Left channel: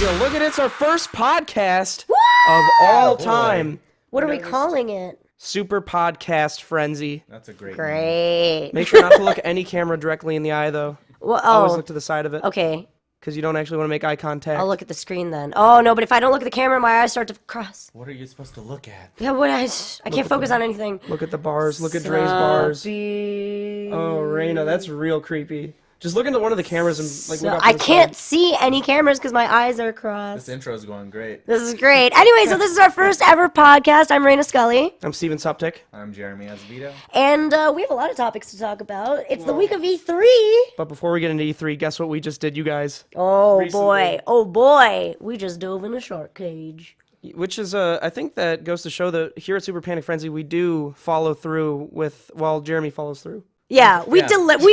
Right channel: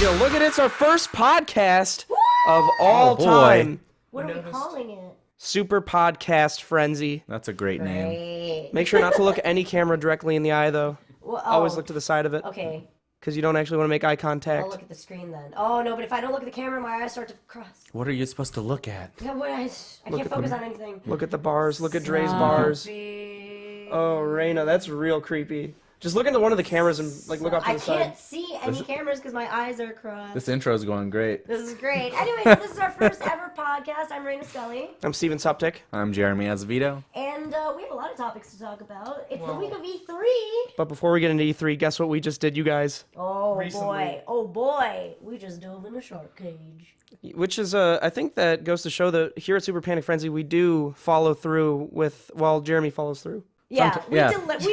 you look at it? It's our first podcast of all time. What are we calling it? SuperPanicFrenzy. That's a great name. Great. Make sure not to look any camera directly in the eye, though. Well, Always look to the side of it. Okay. Because you don't actually want to make eye contact. I'll look at the screen then. Oh, no, but if I don't look at the camera, my eyes start to cross. What are you supposed to look at? Yeah, I can't focus on anything. Look at the bars. Look at Dre's bars. Suptic. Oh, Reina, that's real creepy. Just look into one of the cameras and look up to I the can't side. see any cameras because my eyes are crossed. This intro's going great. This is great. Anyway, so this is our first ever podcast. I'm Reina Scully. I'm Steven Suptic. I'm Jeremy Azevedo. And we have a lot of topics to talk about. It's the week of E3. But before we get into E3, guess what we just did, you guys? Oh, Recently. boy. Oh, boy. We just dove in a shark cage. Which is, I think that goes to show that here at SuperPanicFrenzy, we do follow through with, well, Jeremy follows through. Yeah, we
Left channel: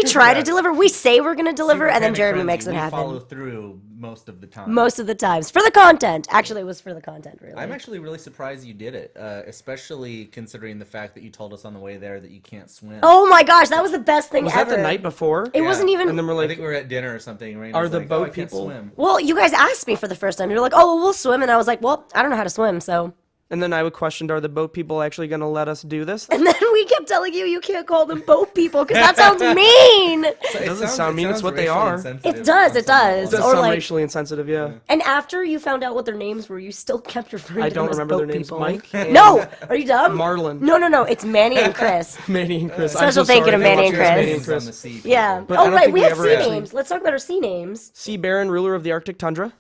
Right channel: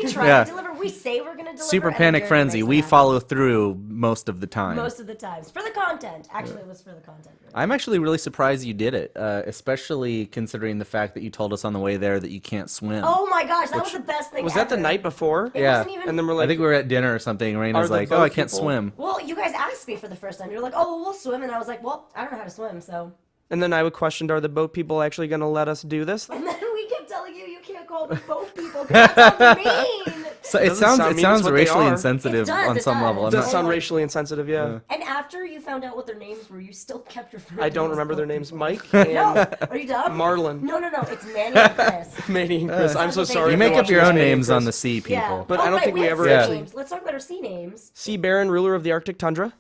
try Yeah. to deliver. We say we're going to deliver, Super and then Panic Jeremy Frenzy. makes it We happen. follow through most of the time. Most of the times. For the content. Actually, it was for the content, really. I'm actually really surprised you did it, especially considering the fact that you told us on the way there that you can't swim. Oh my gosh, that was the best thing Was ever. that the night before? It Yeah. wasn't even... And then we're I like, think we were at dinner or something. And Are Reina's the like, boat oh, I can't people- swim. Well, you guys asked me for the first time. You're like, oh, well, we'll swim. And I was like, well, I don't know how to swim, so... and then I questioned, are the boat people actually going to let us do this? And then we kept telling you can't call them boat people, because that sounds mean! So doesn't sound mean, it's what they racially are. insensitive It does, on it some does. level. It does Or sound like- racially insensitive, yeah. And after you found out what their names were, you still kept referring I to don't them as remember their boat names. people. Mike and No! Are you dumb? Marlon. No. It's Manny and Chris. Manny and Chris. I'm so Special sorry. thank you to Make Manny your and own Chris. names on the sea, people. Yeah. But I don't think we have ever sea actually- names. Let's talk about our sea names. Sea Baron, ruler of the Arctic tundra.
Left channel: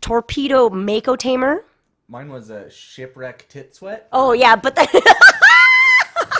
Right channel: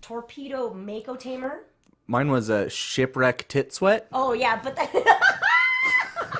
Torpedo Mako Tamer. Mine was a shipwreck tit sweat. Oh, yeah, but then...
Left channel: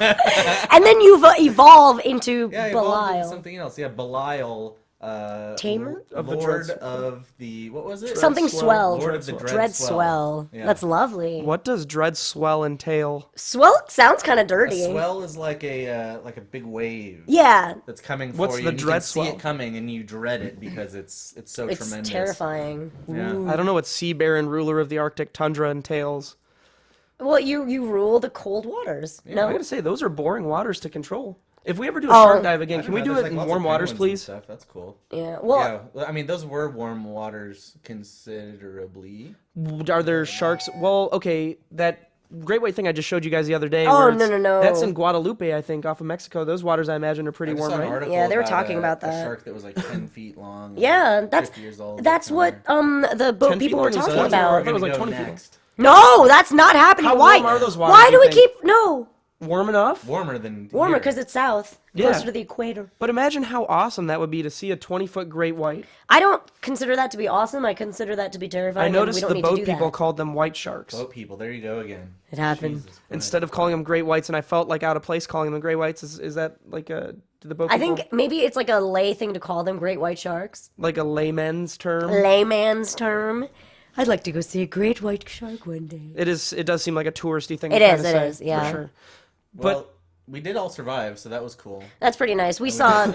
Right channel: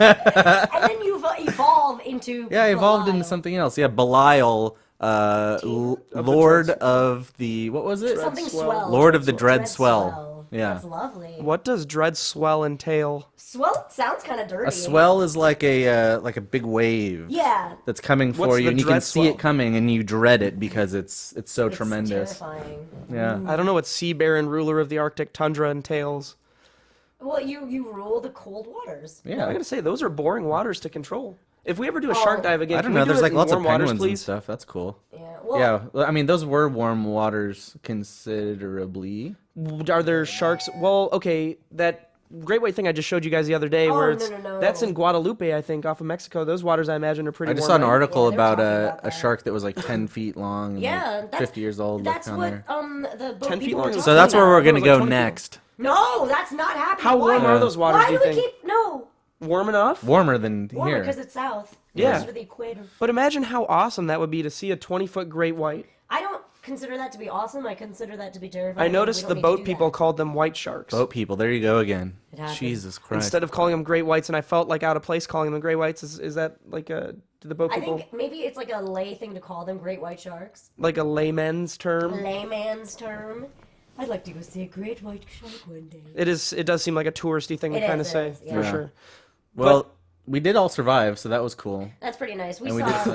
and then you've evolved into Yeah, I evolved Belial. into something else. Yeah, Belial, Tamer? Of the Lord Dread- of the, what was it? Something Swell. swell. Lord of the Dread Swell. Yeah. That's lovely. What does dread swell entail? Swell sounds kind of A dirty. swell is like a big wave. Yeah. That's coming for What's you. the And you dread can see swell? it coming, and you dread it because it's so It's tremendous. terrifying. Yeah. I don't know what Sea Baron, ruler of the Arctic tundra entails. Well, you rule the cold waters. I No. gotta say, those are boring waters to control. If we ever do a shark dive I again, don't can know, we do there's it like in lots warm of waters, penguins and please? stuff. That's cool. Yeah. Well, Yeah, I mean those were warm waters considerably. Are there sharks? Well, okay, that great white thing I just showed you guys the other day. Oh, where no, it's, no. That's in Guadalupe, I think, off of Mexico. Those waters, I imagine, are pretty I just warm. saw an right? article Yeah, they were about, talking about a that. shark that was like 10 feet long. yeah, and that's 50 years old. That's down what there. the boat 10 feet people were long is- talking So that's where about. we're I thought it gonna was like go 20 people. next. No, that's not happening. How Why? warm are those waters? Why do we you think? keep no Warm enough? Warmer than warmer here. because it's south, Yeah. closer to the equator. But imagine how awesome that would be to see a 20-foot great white. I don't consider that to be awesome. I consider that to be terrifying. I and we noticed don't the need to boat do people that. called them white sharks. Boat people. There you go again. It happened. Jesus Christ. Instead of calling them great whites, and I felt like out of place calling them great whites. Is that like a do the boat I people think maybe it's like a lay thing to call them great white sharks. like a layman's term? Layman's term. I'd like to go see a great white shark one day. It is. It does seem like a touristy thing It to is, kind of it say is, yeah. for sure. well, we did all survive, so that was cool. That's pretty nice. We saw.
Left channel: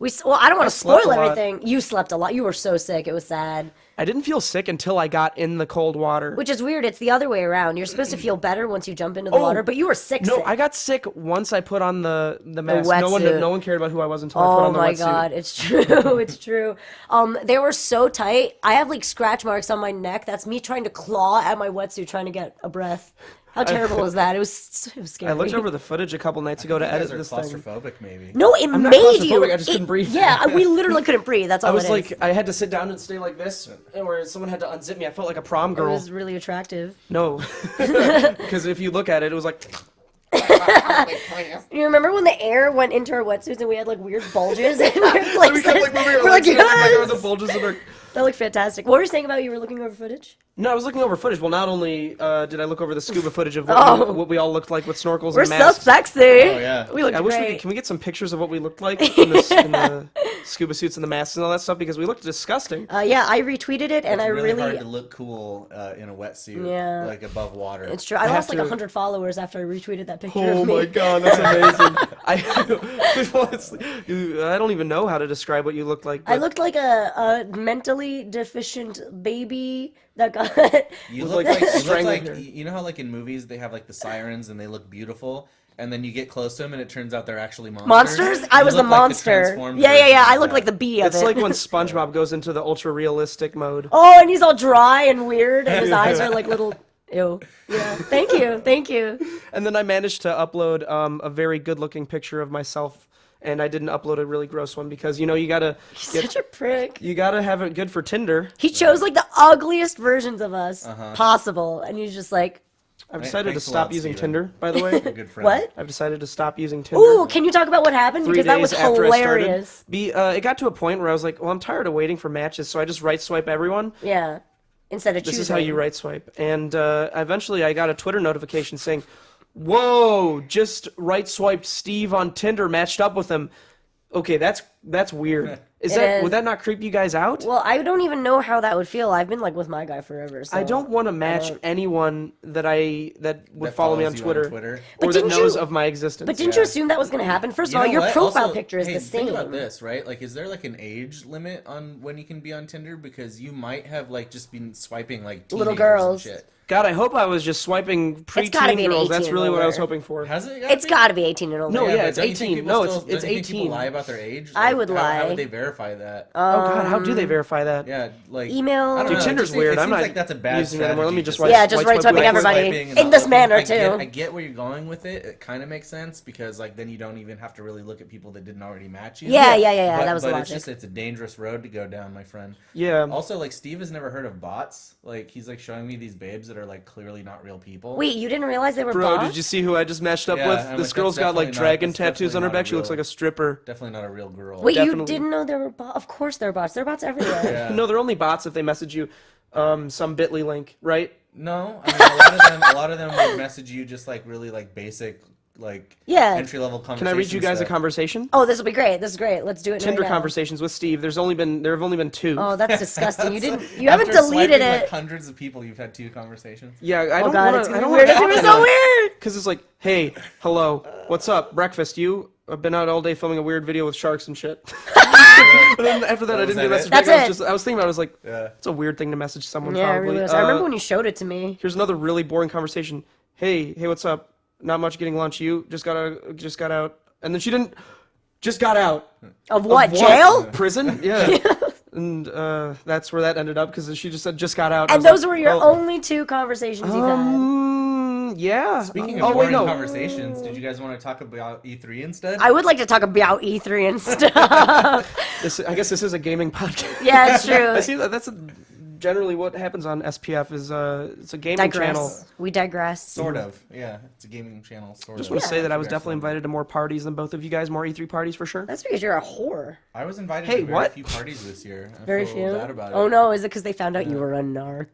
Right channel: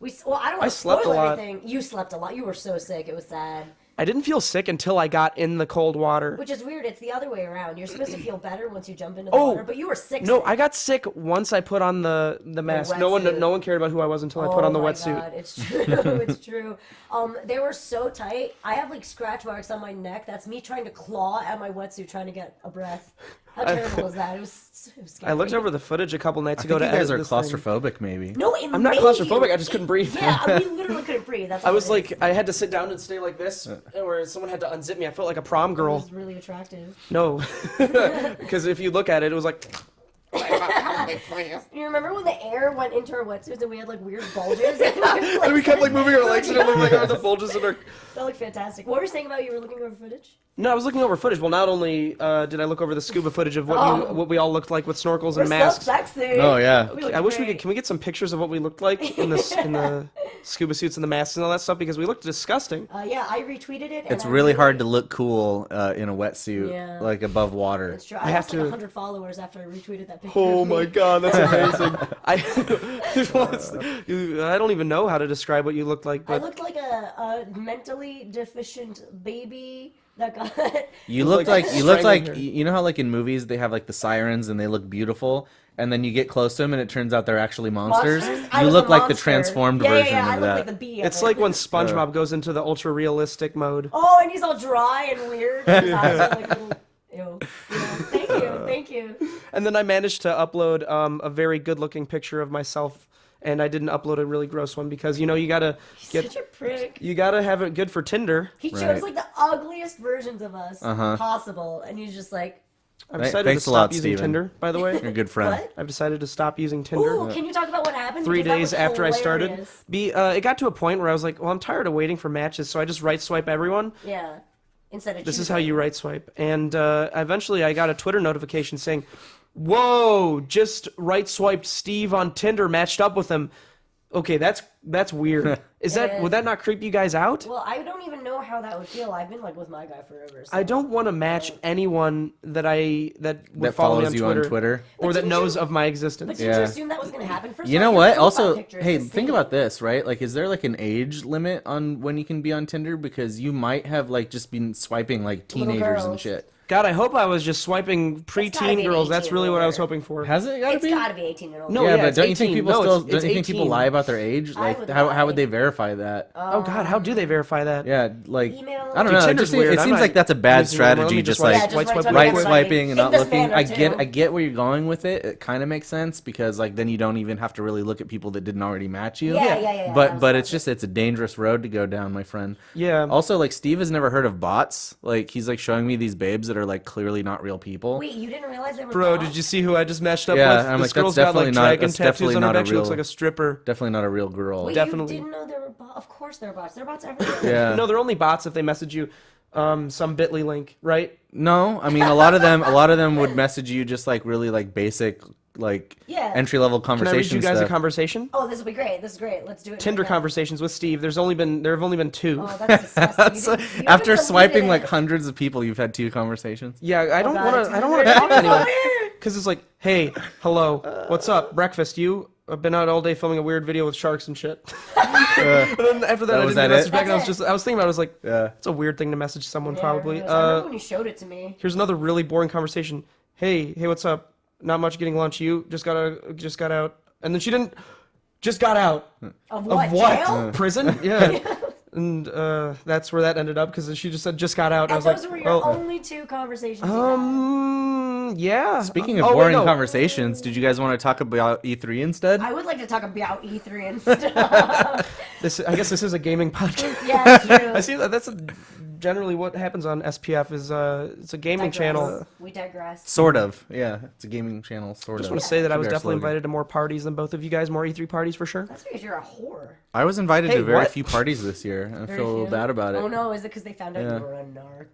Well, I don't want to slept spoil a lot. everything. You slept a lot. You were so sick. It was sad. I didn't feel sick until I got in the cold water. Which is weird. It's the other way around. You're supposed to feel better once you jump into the water, but you were sick. No, sick. I got sick once I put on the mask. No wetsuit. one cared about who I was until I put on the Oh my wetsuit. god, it's true. It's true. They were so tight. I have like scratch marks on my neck. That's me trying to claw at my wetsuit, trying to get a breath. How terrible was that? It was scary. I looked over the footage a couple nights You ago to guys edit are this thing. claustrophobic, maybe. No, it I'm not made claustrophobic, you. I just couldn't breathe. Yeah, we literally couldn't breathe. That's all. I was it is. like, I had to sit down and stay like this, where someone had to unzip me. I felt like a prom It girl. was really attractive. No, because if you look at it, it was like. You remember when the air went into our wetsuits and we had like weird bulges? And we kept like moving our we're legs and it looked like there "Yes!" was a bulges in our. That looked fantastic. What were you saying about you were looking over footage? No, I was looking over footage. Well, not only did I look over the scuba footage of Oh. what we all looked like with snorkels We're and so masks. sexy. Oh, yeah. We look I wish we great. could. Can we get some pictures of what we looked like in the scuba suits and the masks and all that stuff? Because we looked disgusting. Yeah, I retweeted it, and It's I really hard to look cool in a wetsuit, Yeah. like above water. It's true. I have lost like to- 100 followers after I retweeted that picture. Oh of me. my god, that's amazing. I don't even know how to describe what you looked like. I But looked like a mentally deficient baby that got. You It was look like like you look strangling like her. you know how like in movies they have like the sirens and they look beautiful. and then you get close to them, and it turns out they're actually monsters. Monsters? I You was the look like monster. the transformed Yeah. version I of look that. like the bee of It's it. like when SpongeBob goes into the ultra realistic mode. Oh, and he's all dry and weird, and his eyes are like little. Ew. Yeah. Thank you. And then I managed to upload a very good-looking picture of myself, and I didn't upload a really gross one because you gotta Such a prick. you gotta have it good for Tinder. He chose like the ugliest versions of us Uh-huh. possible, and he's just like, I've Right, decided to thanks a stop lot, using Steven. Tinder, by the way. You're a good friend. what? I've decided to stop using Tinder. Ooh, can you talk about what happened? 3 Because that days was after I started. hilarious. It got to a point where I was like, well, I'm tired of waiting for matches, so I just right swipe everyone. Yeah. Instead of This is choosing. how you right swipe. And eventually I got a Twitter notification saying, whoa, just right swiped Steve on Tinder, matched up with him. Okay, that's weird. It Would that not creep you guys out? Well, I don't even know how that would feel. I've been like with my guy forever. So. I don't want to match anyone that would That follow me follows on you Twitter, But or that didn't knows you- of my existence. But didn't you assume that was going to happen? First You of all, know your what? profile Also, picture is hey, the same. think about this, right? Like, is there like an age limit on when you can be on Tinder? Because you might have like just been swiping like Little teenagers and girls. shit. God, I hope I was just swiping gotta preteen be an girls. That's 18 really and what I was older. hoping for. Has it? It's got to be 18 and older. No, yeah, but it's don't you think 18. people No, still- it's don't you think people 18. lie about their age. I Like, would how lie. would they verify that? Oh God, how do they verify that? Yeah, like Email. I don't Dude, know. Tinder's it just, weird. It I'm seems not like that's a bad using it anymore. strategy. Let me just like, right, Yeah, just right right swipe swiping left. everybody. swiping and In not this looking. manner, I too. get where you're going with it. It kind of makes sense because like then you don't even have to really look at people that didn't already match you. Yeah. That But was but the it's logic. just it's a dangerous road to go down, my friend. Yeah. Also, like Steve has never heard of bots. Like he's like showing me these babes that are like clearly not real people. Wait, you didn't realize they were Bro, bots? did you see who I just matched up Yeah, with? I'm This like, girl's that's got like definitely not- dragon that's tattoos definitely on her not a back. She looks real- like a stripper. Definitely not a real girl. Wait, Definitely. you didn't know there were bots? Of course there are bots. There are bots everywhere. Yeah. No, they're only bots if they message you some Bitly link, right? No, I mean a lot of them would message you just like really like basic like Yeah. entry level Can conversation. I read you guys a stuff. conversation? Oh, this will be great. This is great. Let's do it. Tinder right now. conversations with Steve. There have only been 2. Oh, that's disgusting. You didn't. You After haven't swiping deleted like it. hundreds of people, you've had 2 conversations. Yeah, I don't God, want it's to. I don't want to weird. talk to It's so anyone. weird. Because it's like, hey, hello, what's up? Breakfast? You? I've been out all day filming a weird video with sharks and shit. And then after that, I didn't that get a it? message back. That's it. I was thinking about it. I was like, Yeah. it's a weird thing to message someone Yeah, it probably. really was. I remember when you showed it to me. Here's another really boring conversation. Hey, what's up? Not much getting lunch. You just got out. And then she didn't just got out. Of what? Of what? Jail? Prison? Yeah. And that's where that ended up because she just said just got out. I And was those like, were your oh, only 2 conversations you had. yeah. Speaking of oh, boring wait, no. conversations, did you guys want to talk about E3 instead? I would like to talk about E3 and stuff. I guess this is a gaming podcast. Yeah, it's true. I see that. That's generally what happens on SPF is it's a gaming Digress. channel. We digress. Sort of. Yeah, it's a gaming channel. Sort Just of. want to say that I was Our definitely slogan. invited to more parties than both of you guys, more E3 parties for sure. That's because you're a whore. I was invited Hey, to very what? few parties this year. I Very feel a little few. bad about it. Oh no, is it because they found out you were a narc?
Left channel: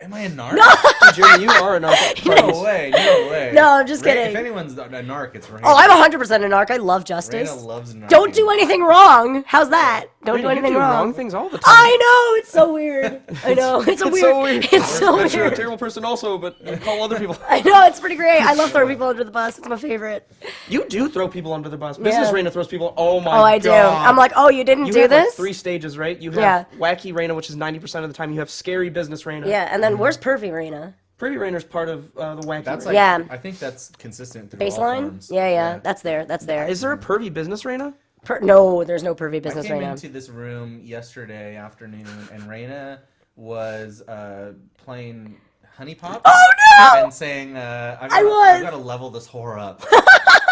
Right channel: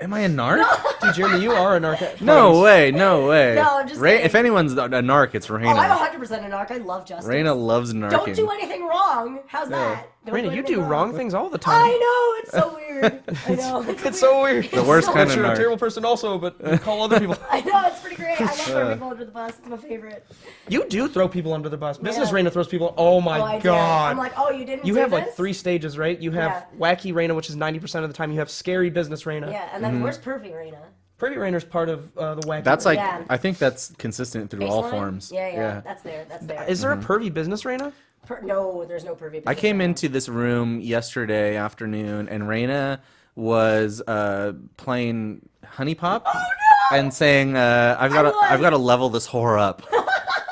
Am I a narc? Dude, Jeremy, you are a narc. No way, no way. No, I'm just Ra- kidding. If anyone's a narc, it's Reina. Oh, I'm 100% a narc. I love justice. Reina loves narc. Don't do anything wrong. How's that? Don't Raina, do you anything do wrong. wrong things all the time. I know. It's so weird. I know. It's so weird. It's worst so kind of But you're a weird. terrible person also, but you call other people. I know. It's pretty great. I love throwing people under the bus. It's my favorite. You do throw people under the bus. Business Yeah. Reina throws people. Oh my Oh, I do. god. I'm like, oh, you didn't you do have this? like 3 stages, right? You have wacky Reina, which is 90% of the time. You have scary business Reina. Yeah, and then where's Pervy Raina? Pretty Reina's part of the wacky. That's Reina. like, Yeah. I think that's consistent through all Baseline? forms. Yeah. That's there. That's there. Is there a pervy business Reina? No, there's no Pervy I business. came Raina. into this room yesterday afternoon, and Reina was playing Honey Pop. Oh no! And saying, I've was. got to level this whore up.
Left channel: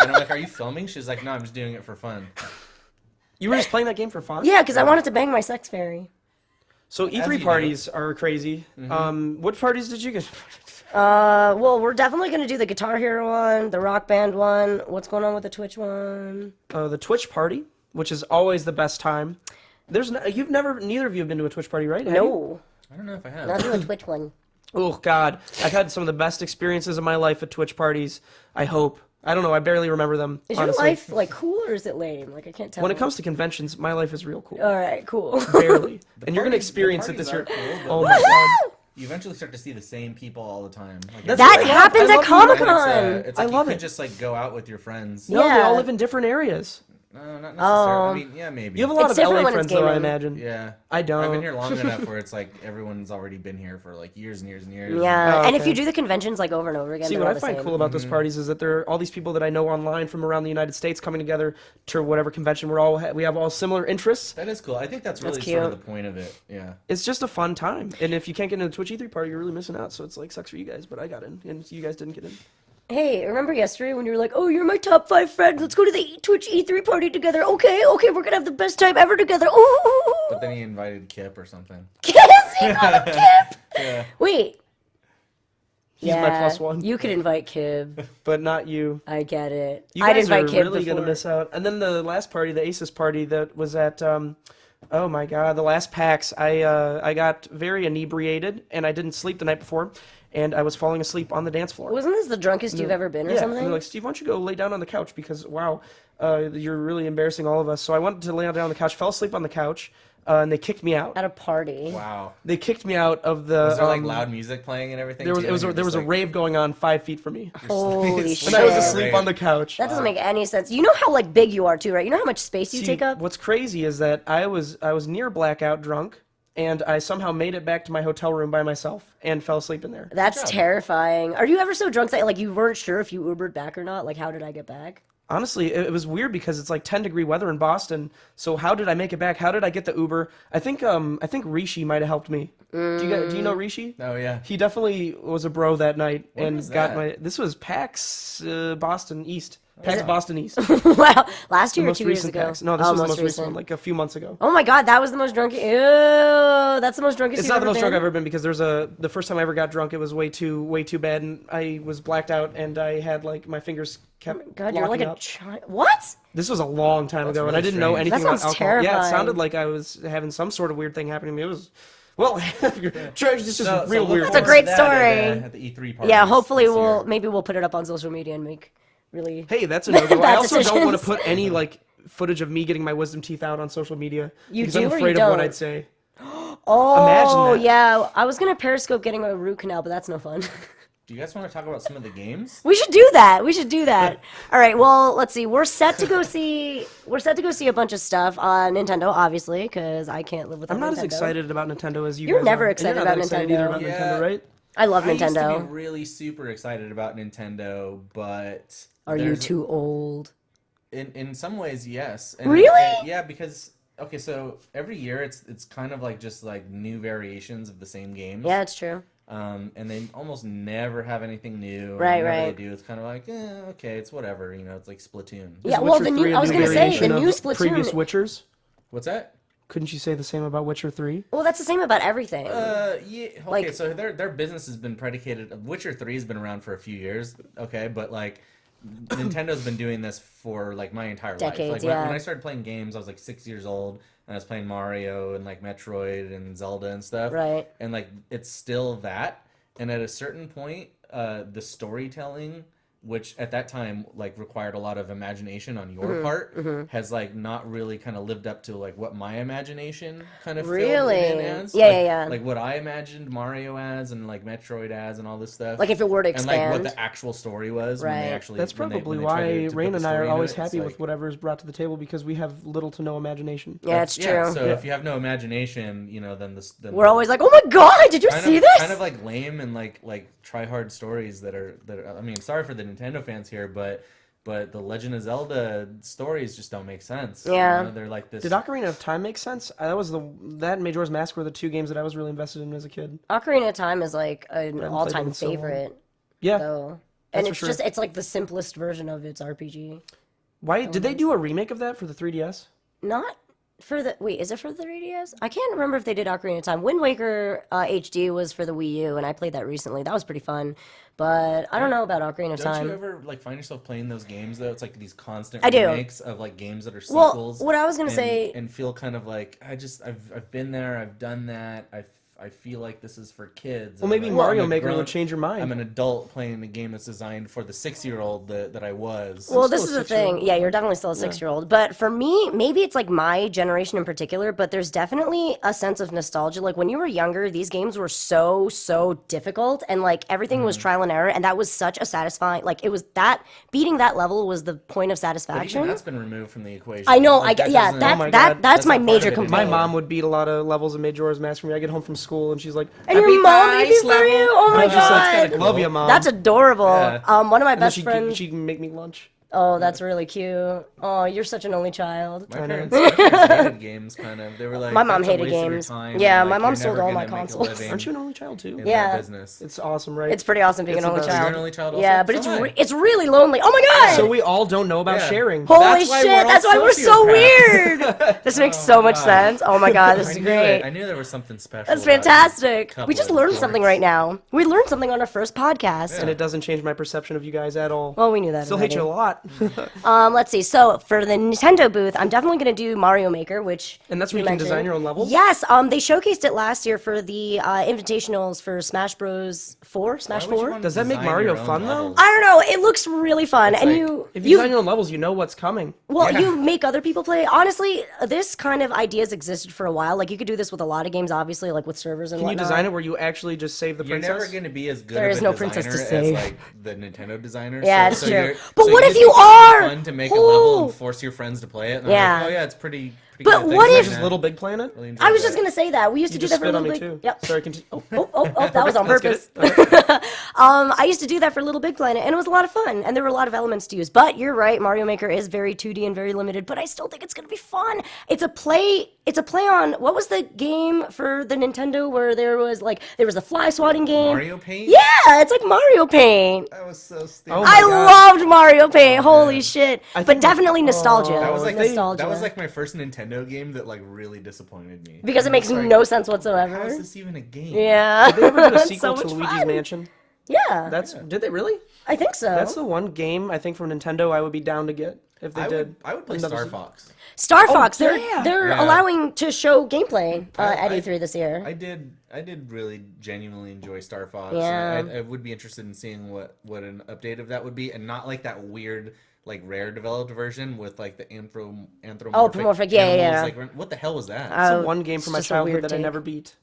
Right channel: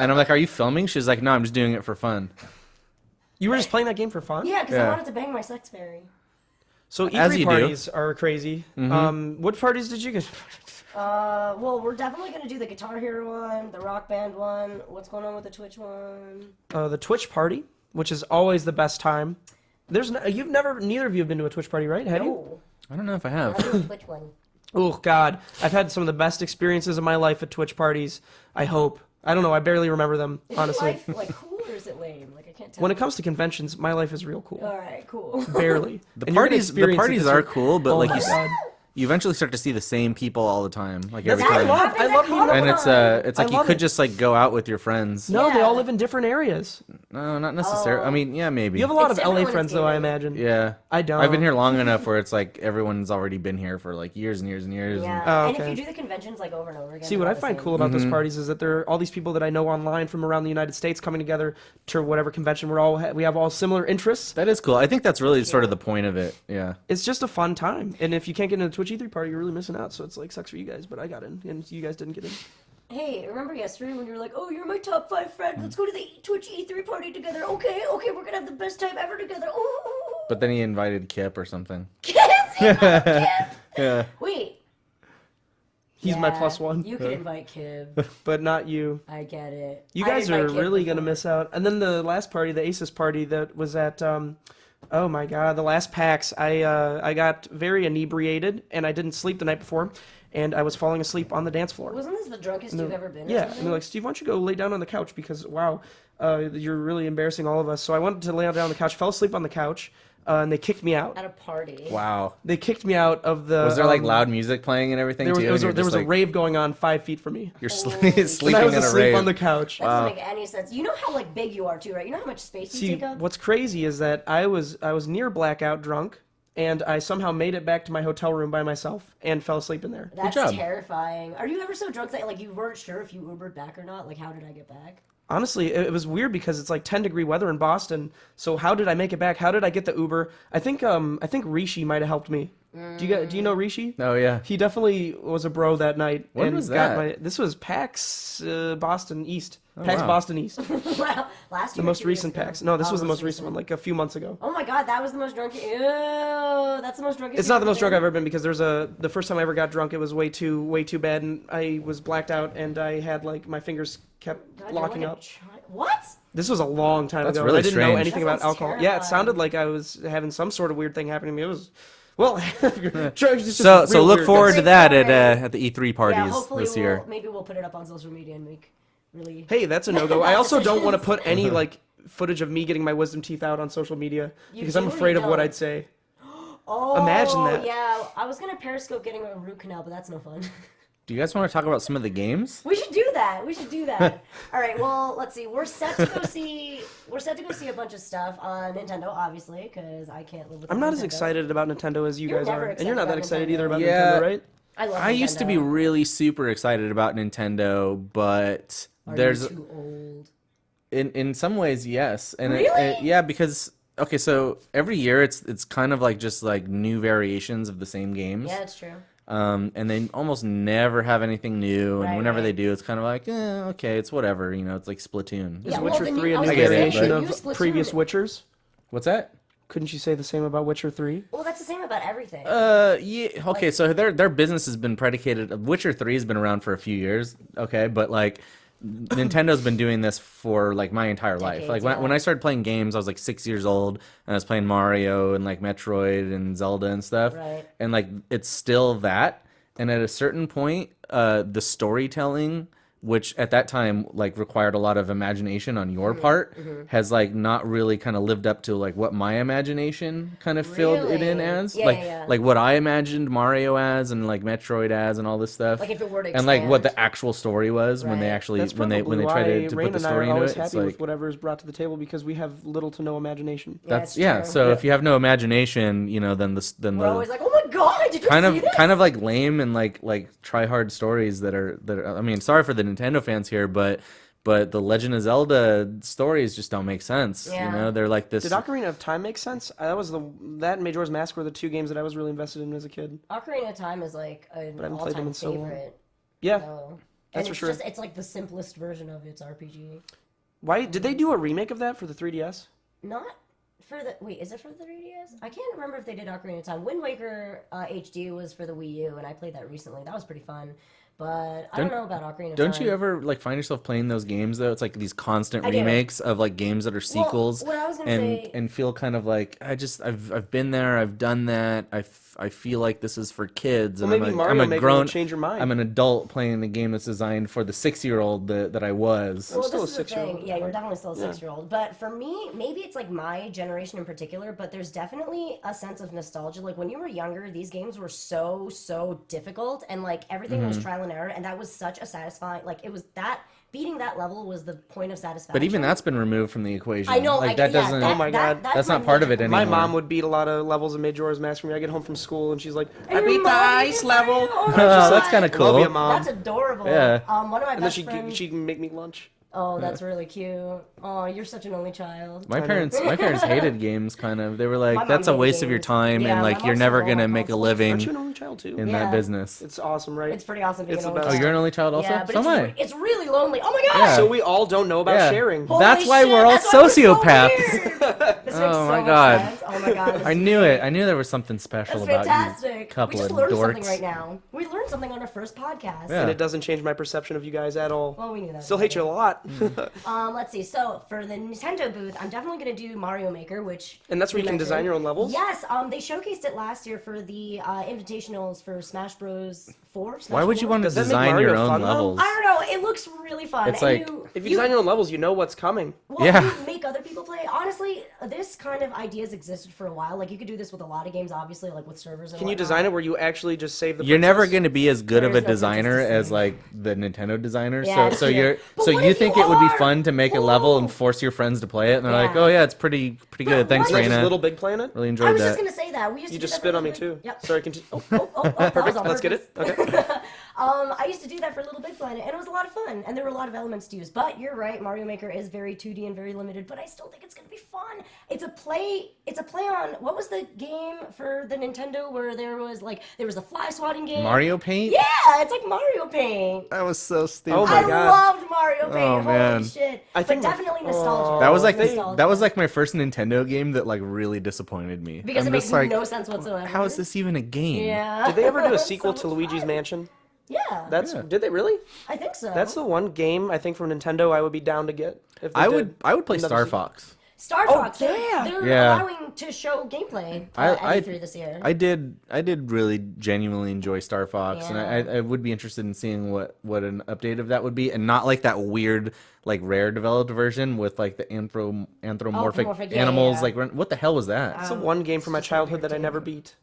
And I'm like, are you filming? She's like, no, I'm just doing it for fun. You were just playing that game for fun? Yeah, because I Yeah. wanted to bang my sex fairy. So As E3 you parties are crazy. What parties did you get? Well, we're definitely gonna do the Guitar Hero one, the Rock Band one. What's going on with the Twitch one? The Twitch party, which is always the best time. Neither of you have been to a Twitch party, right? Have you? No, I don't know if I not have. the Twitch one. Oh God, I've had some of the best experiences of my life at Twitch parties. I hope. I don't know. I barely remember them, Is honestly. your life like cool or is it lame? Like I can't tell. When it comes to conventions, my life is real cool. all right, cool. Barely. And you're gonna experience the it parties this are year. cool, but Oh like my God. you eventually start to see the same people all the time. Like That's every That what I day. love. happens I at love Comic And Con. it's I like you love could it. just like go out with your friends. No, they Yeah. all live in different areas. No, not necessarily. I Oh. mean, yeah, maybe. You have a lot It's of LA different when friends, it's though, I gaming. imagine. Yeah. I don't. I've been here long enough where it's like everyone's already been here for like years and years and years. Yeah, Oh, and if okay. you do the conventions like over and over again, See, they're what all I the find same. cool about Mm-hmm. those parties is that there are all these people that I know online from around the United States coming together to whatever convention. We have all similar interests. That is cool. I think that's really sort of the cute. point of it. Yeah. It's just a fun time. And if you can't get into the Twitch E3 party, you're really missing out. So it's like sucks for you guys, but I got in, and you guys didn't get in. Hey, remember yesterday when you were like, "Oh, you're my top 5 friend. Let's go to the Twitch E3 party together." Okay, we're gonna have the best time ever together. Ooh. But then he invited Kip or something. Yes, you got Kip. Yeah. Wait. He's my +1. You can invite Kib. But not you. I get it. You I'd guys are invite Kib really going to before. miss out. And then the last party, the Aces party that was at, oh my God, the last PAX, I got very inebriated, and I didn't sleep the night before, and I was falling asleep on the dance floor. Wasn't this the drunkest you've ever been or Yeah, something? and they're like, Steve, why don't you go lay down on the couch because, wow, you're really embarrassing all of us. So I went to lay down on the couch, fell asleep on the couch, and they kicked me out. At a party. Wow. They kicked me out of the... Was there like loud music playing and everything? There was, too? it was, And you're there was just, a like, rave going on 5 feet from me. You're Holy sleeping shit. And I was at a asleep rave. on the couch. That doesn't make any sense. You know how like big you are too, right? You know how much space you See, take up? what's crazy is that I was near blackout drunk, and I somehow made it back to my hotel room by myself and fell asleep in there. That's job. terrifying. Are you ever so drunk that like you weren't sure if you Ubered back or not? Like, how did I get back? Honestly, it was weird because it's like 10-degree weather in Boston. So how did I make it back? How did I get the Uber? I think Rishi might have helped me. Do you know Rishi? Oh yeah. He definitely was a bro that night When and was got that? my. This was PAX Boston East. PAX Boston East. The Wow, last year. or most 2 years recent ago? PAX. No, this Oh, was the most recent one, like a few months ago. Oh my god, that was the most drunk. Ew, that's the most drunkest. It's not the most drunk I've ever been because the first time I ever got drunk, it was way too bad, and I was blacked out, and I had like my fingers kept God, you're locking like a up. child. What? This was a long time That's ago, and really I didn't know strange. anything That about sounds alcohol. Yeah, it terrifying. sounded like I was having some sort of weird thing happening to me. It was, well, it's just So real look weird. forward great to that story. at the E3 party. Yeah, hopefully this year. maybe we'll put it up on social media and make really. Hey, that's a no-go. I Bad also don't want to decisions. put any like footage of me getting my wisdom teeth out on social media You because do I'm or you afraid of what don't? I'd say. Oh, Imagine that. Yeah, I was gonna Periscope getting a root canal, but that's no fun. Do you guys want to talk about some of the games? We should do that. We should do that. All right. Well, let's see. We're set to go see. We're set to go see a bunch of stuff on Nintendo, obviously, because I can't live without. I'm not Nintendo. as excited about Nintendo as you You're guys never are. And excited you're not that about excited Nintendo. either about Yeah. Nintendo, right? I love Nintendo. I used to be really super excited about Nintendo, but Are you there's too old? in some ways yes. And Really? yeah, because okay, so every year it's kind of like just like new variations of the same games. Yeah, it's true. And they almost never have anything new. Right, and whenever right. they do, it's kind of like, okay, it's whatever. You know, it's like Splatoon. Is Yeah, well, Witcher the new- 3 I a was new gonna say, variation the of new Splatoon- previous Witchers? What's that? Couldn't you say the same about Witcher 3? Well, that's the same about everything. Yeah. Okay. Like- So their business has been predicated. Witcher 3 has been around for a few years. Okay, but like Nintendo's been doing this for like my entire life. Decades, Like yeah. when I started playing games, I was like 6 years old, and I was playing Mario and like Metroid and Zelda and stuff. Right. And like it's still that. And at a certain point, the storytelling, which at that time like required a lot of imagination on your part, has like not really kind of lived up to like what my imagination kind of filled it in Really? as. Yeah, like, yeah. Like what I imagined Mario as and like Metroid as and all this stuff. Like if it were to and like what expand. the actual story was when they Right. actually That's when probably they tried why to put Rain the and I story are into always it. It's happy like- with whatever is brought to the table because we have little to no imagination. Yeah, it's true. Yeah, so Yeah. if you have no imagination, you know, then We're always like, oh my god, did you kind see of this? kind of like lame and like try hard stories that are I mean, sorry for the Nintendo fans here, but the Legend of Zelda stories just don't make sense. Yeah. You know, they're like this. Did Ocarina of Time make sense? That and Majora's Mask were the two games that I was really invested in as a kid. Ocarina of Time is like an haven't played them all-time in so long. favorite. Yeah. So, That's and for it's sure. just it's like the simplest version of its RPG. Why did they do a remake of that for the 3DS? Not for the is it for the 3DS? I can't remember if they did Ocarina of Time. Wind Waker HD was for the Wii U, and I played that recently. That was pretty fun, but I don't know about Ocarina of Time. Don't you ever like find yourself playing those games though? It's like these constant I do. remakes of like games that are Well, sequels. what I was gonna and, say- and feel kind of like I've been there, I've done that, I feel like this is for kids. Well, and maybe I'm Mario a Maker grown- will change your mind. I'm an adult playing a game that's designed for the 6-year-old that I was. Well, still this is a the 6-year-old. thing. Yeah, you're definitely still a 6-year-old. But for me, maybe it's like my generation in particular, but there's definitely a sense of nostalgia. Like when you were younger, these games were so difficult and like everything was trial and error. And that was such a satisfying, like it was that, beating that level was the point of satisfaction. But even that's been removed from the equation. I know, Like, that yeah, doesn't- Oh my God. that's my not part of major it complaint. My anymore. mom would beat a lot of levels of Majora's Mask for me. I get home from school and she's like, And I your beat the mom beat ice you for you? level. Oh my And I'm just like, God. That's kinda love cool. you, mom. That's adorable. Yeah. One of my and then best friends. she can make me lunch. Oh, that's really cute. Oh, you're such an only child. My know. parents hated games, kind of. They were like, My mom "That's a hated waste of your games. time, Yeah, and my like mom you're never sold all gonna my make a consoles. living Aren't you an only child too? in Yeah. that business." It's awesome, right? It's pretty awesome being It's an the only best. child. You're an only child also? Yeah, but So it's am I. it's really lonely. Oh my God. So we all don't know about Yeah. sharing. Holy That's why shit, we're all that's why we're so sociopaths. weird. This makes Oh so my much God. sense. Oh my God, this I is knew great. it. I knew there was something special. That's about you fantastic. couple We just of learned something dorks. right now. We learned something on our first podcast. And it doesn't change my perception of you guys at all. Well, we knew that. Still hate you a lot. Let's see. So for the Nintendo booth, I'm definitely going to do Mario Maker, which And that's where you can design your own levels? Yes. They showcased it last year for the invitationals for Smash Bros. 4. Smash Why would 4? you want to Does that make design Mario your own fun, though? levels? I don't know. It looks really fun, It's and like- If you design your own levels, you know what's coming. Well, Yeah. you make other people play. Honestly, this kind of ideas existed for a while. Like you could do this with a lot of games, obviously, like with servers and Can you whatnot. design it where you actually just save the You're princess? never going to be as good There of is a no princess designer to as save. like the Nintendo designers. Yeah, so, it's so true. you're, But so what you if think you it would are? be fun to make a level Ooh. and force your friends to play it? And Yeah. they're like, oh yeah, it's pretty But good. what Thanks, if- Just Reina. Little Big Planet? Really enjoyed I was that. just gonna say that we used to You do just that for spit on me Little too. Big- Yep. Sorry, continue. Oh, That was on let's purpose. get it. Okay. I used to do that for Little Big Planet, and it was a lot of fun, and there were a lot of elements to use. But you're right, Mario Maker is very 2D and very limited, but I still think it's gonna be fun. It's a play on what was the game for the Nintendo where there was a fly swatting game. Mario Paint? Yeah, it's like Mario Paint. That was so stupid. Oh my I God. loved Mario Paint. Oh, Holy man. shit! I But think definitely nostalgia. Oh, that was like nostalgia. that was like my first Nintendo game that like really disappointed me. because I'm it makes just like, no sense whatsoever. How is this even a game? Yeah. Did they ever do a It's sequel so to much Luigi's fun. Mansion? Yeah. Did they really? I think so. That's the one game I think from Nintendo I would be down to get if they I did. would play Another Star sequel. Fox. Star Fox. yeah. They're Yeah. allowing to show gameplay at I- E3 this year. I did really genuinely enjoy Star Fox. Yeah. I would be interested in seeing what an update of that would be, and not like that weird like rare developed version with like the anthropomorphic Anthropomorphic, yeah, animals. yeah. Like what the hell was that? It's the one game it's from my just a childhood weird that I take. never beat.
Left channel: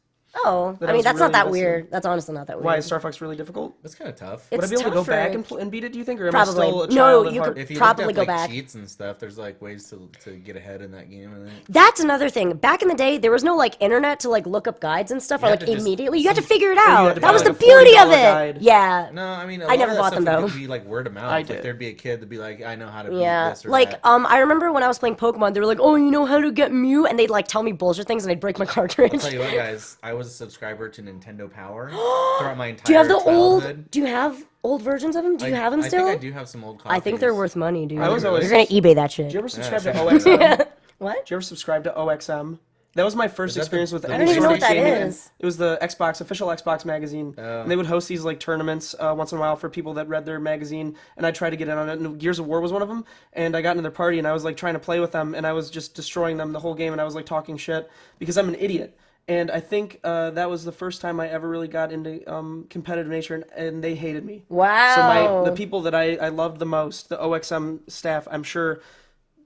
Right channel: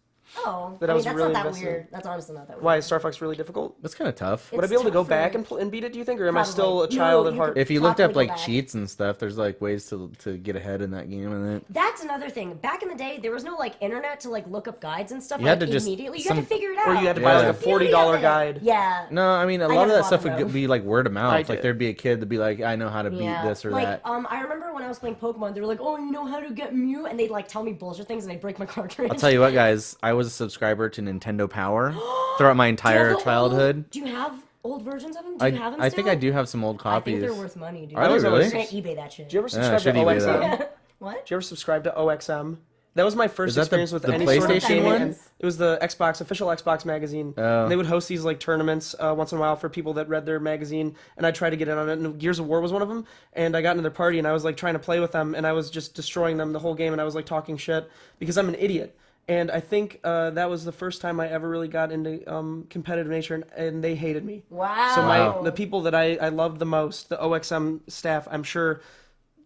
Oh, that I I mean, was that's really not that invested in. weird. That's honestly not that weird. Why is Star Fox really difficult? That's kind of tough. Would I It's be able to go tougher. back and beat it? Do you think, or am Probably. I still a No, child at you heart? could- If you looked probably up go like back. cheats and stuff, there's like ways to get ahead in that game and it. That's another thing. Back in the day, there was no like internet to like look up guides and stuff You had like to just- immediately. You had to some- figure it you out. had to That buy, was like, the a beauty of $40 it. guide. Yeah. No, I mean a I lot never of that bought stuff them, would though. be like word of mouth. I Like did. there'd be a kid that'd be like, I know how to beat Yeah, this or like that. I remember when I was playing Pokemon, they were like, "Oh, you know how to get Mew," and they'd like tell me bullshit things, and I'd break my cartridge. I'll tell you what, guys, I was a subscriber to Nintendo Power throughout my Do you have entire the childhood. old? Do you have old versions of them? Do you have them I still? think I do have some old copies. I think they're worth money, dude. I was always- You're gonna eBay that shit. Did you ever subscribe Yeah, to I shouldn't do OXM? that. What? Did you ever subscribe to OXM? That was my first Is that experience with the any sort of PlayStation? gaming. What that And is. it was the official Xbox magazine. Oh. And they would host these like tournaments once in a while for people that read their magazine. And I tried to get in on it. And Gears of War was one of them. And I got into their party and I was like trying to play with them. And I was just destroying them the whole game. And I was like talking shit because I'm an idiot. And I think that was the first time I ever really got into competitive nature, and they hated me. Wow. So the people that I loved the most, the OXM staff, I'm sure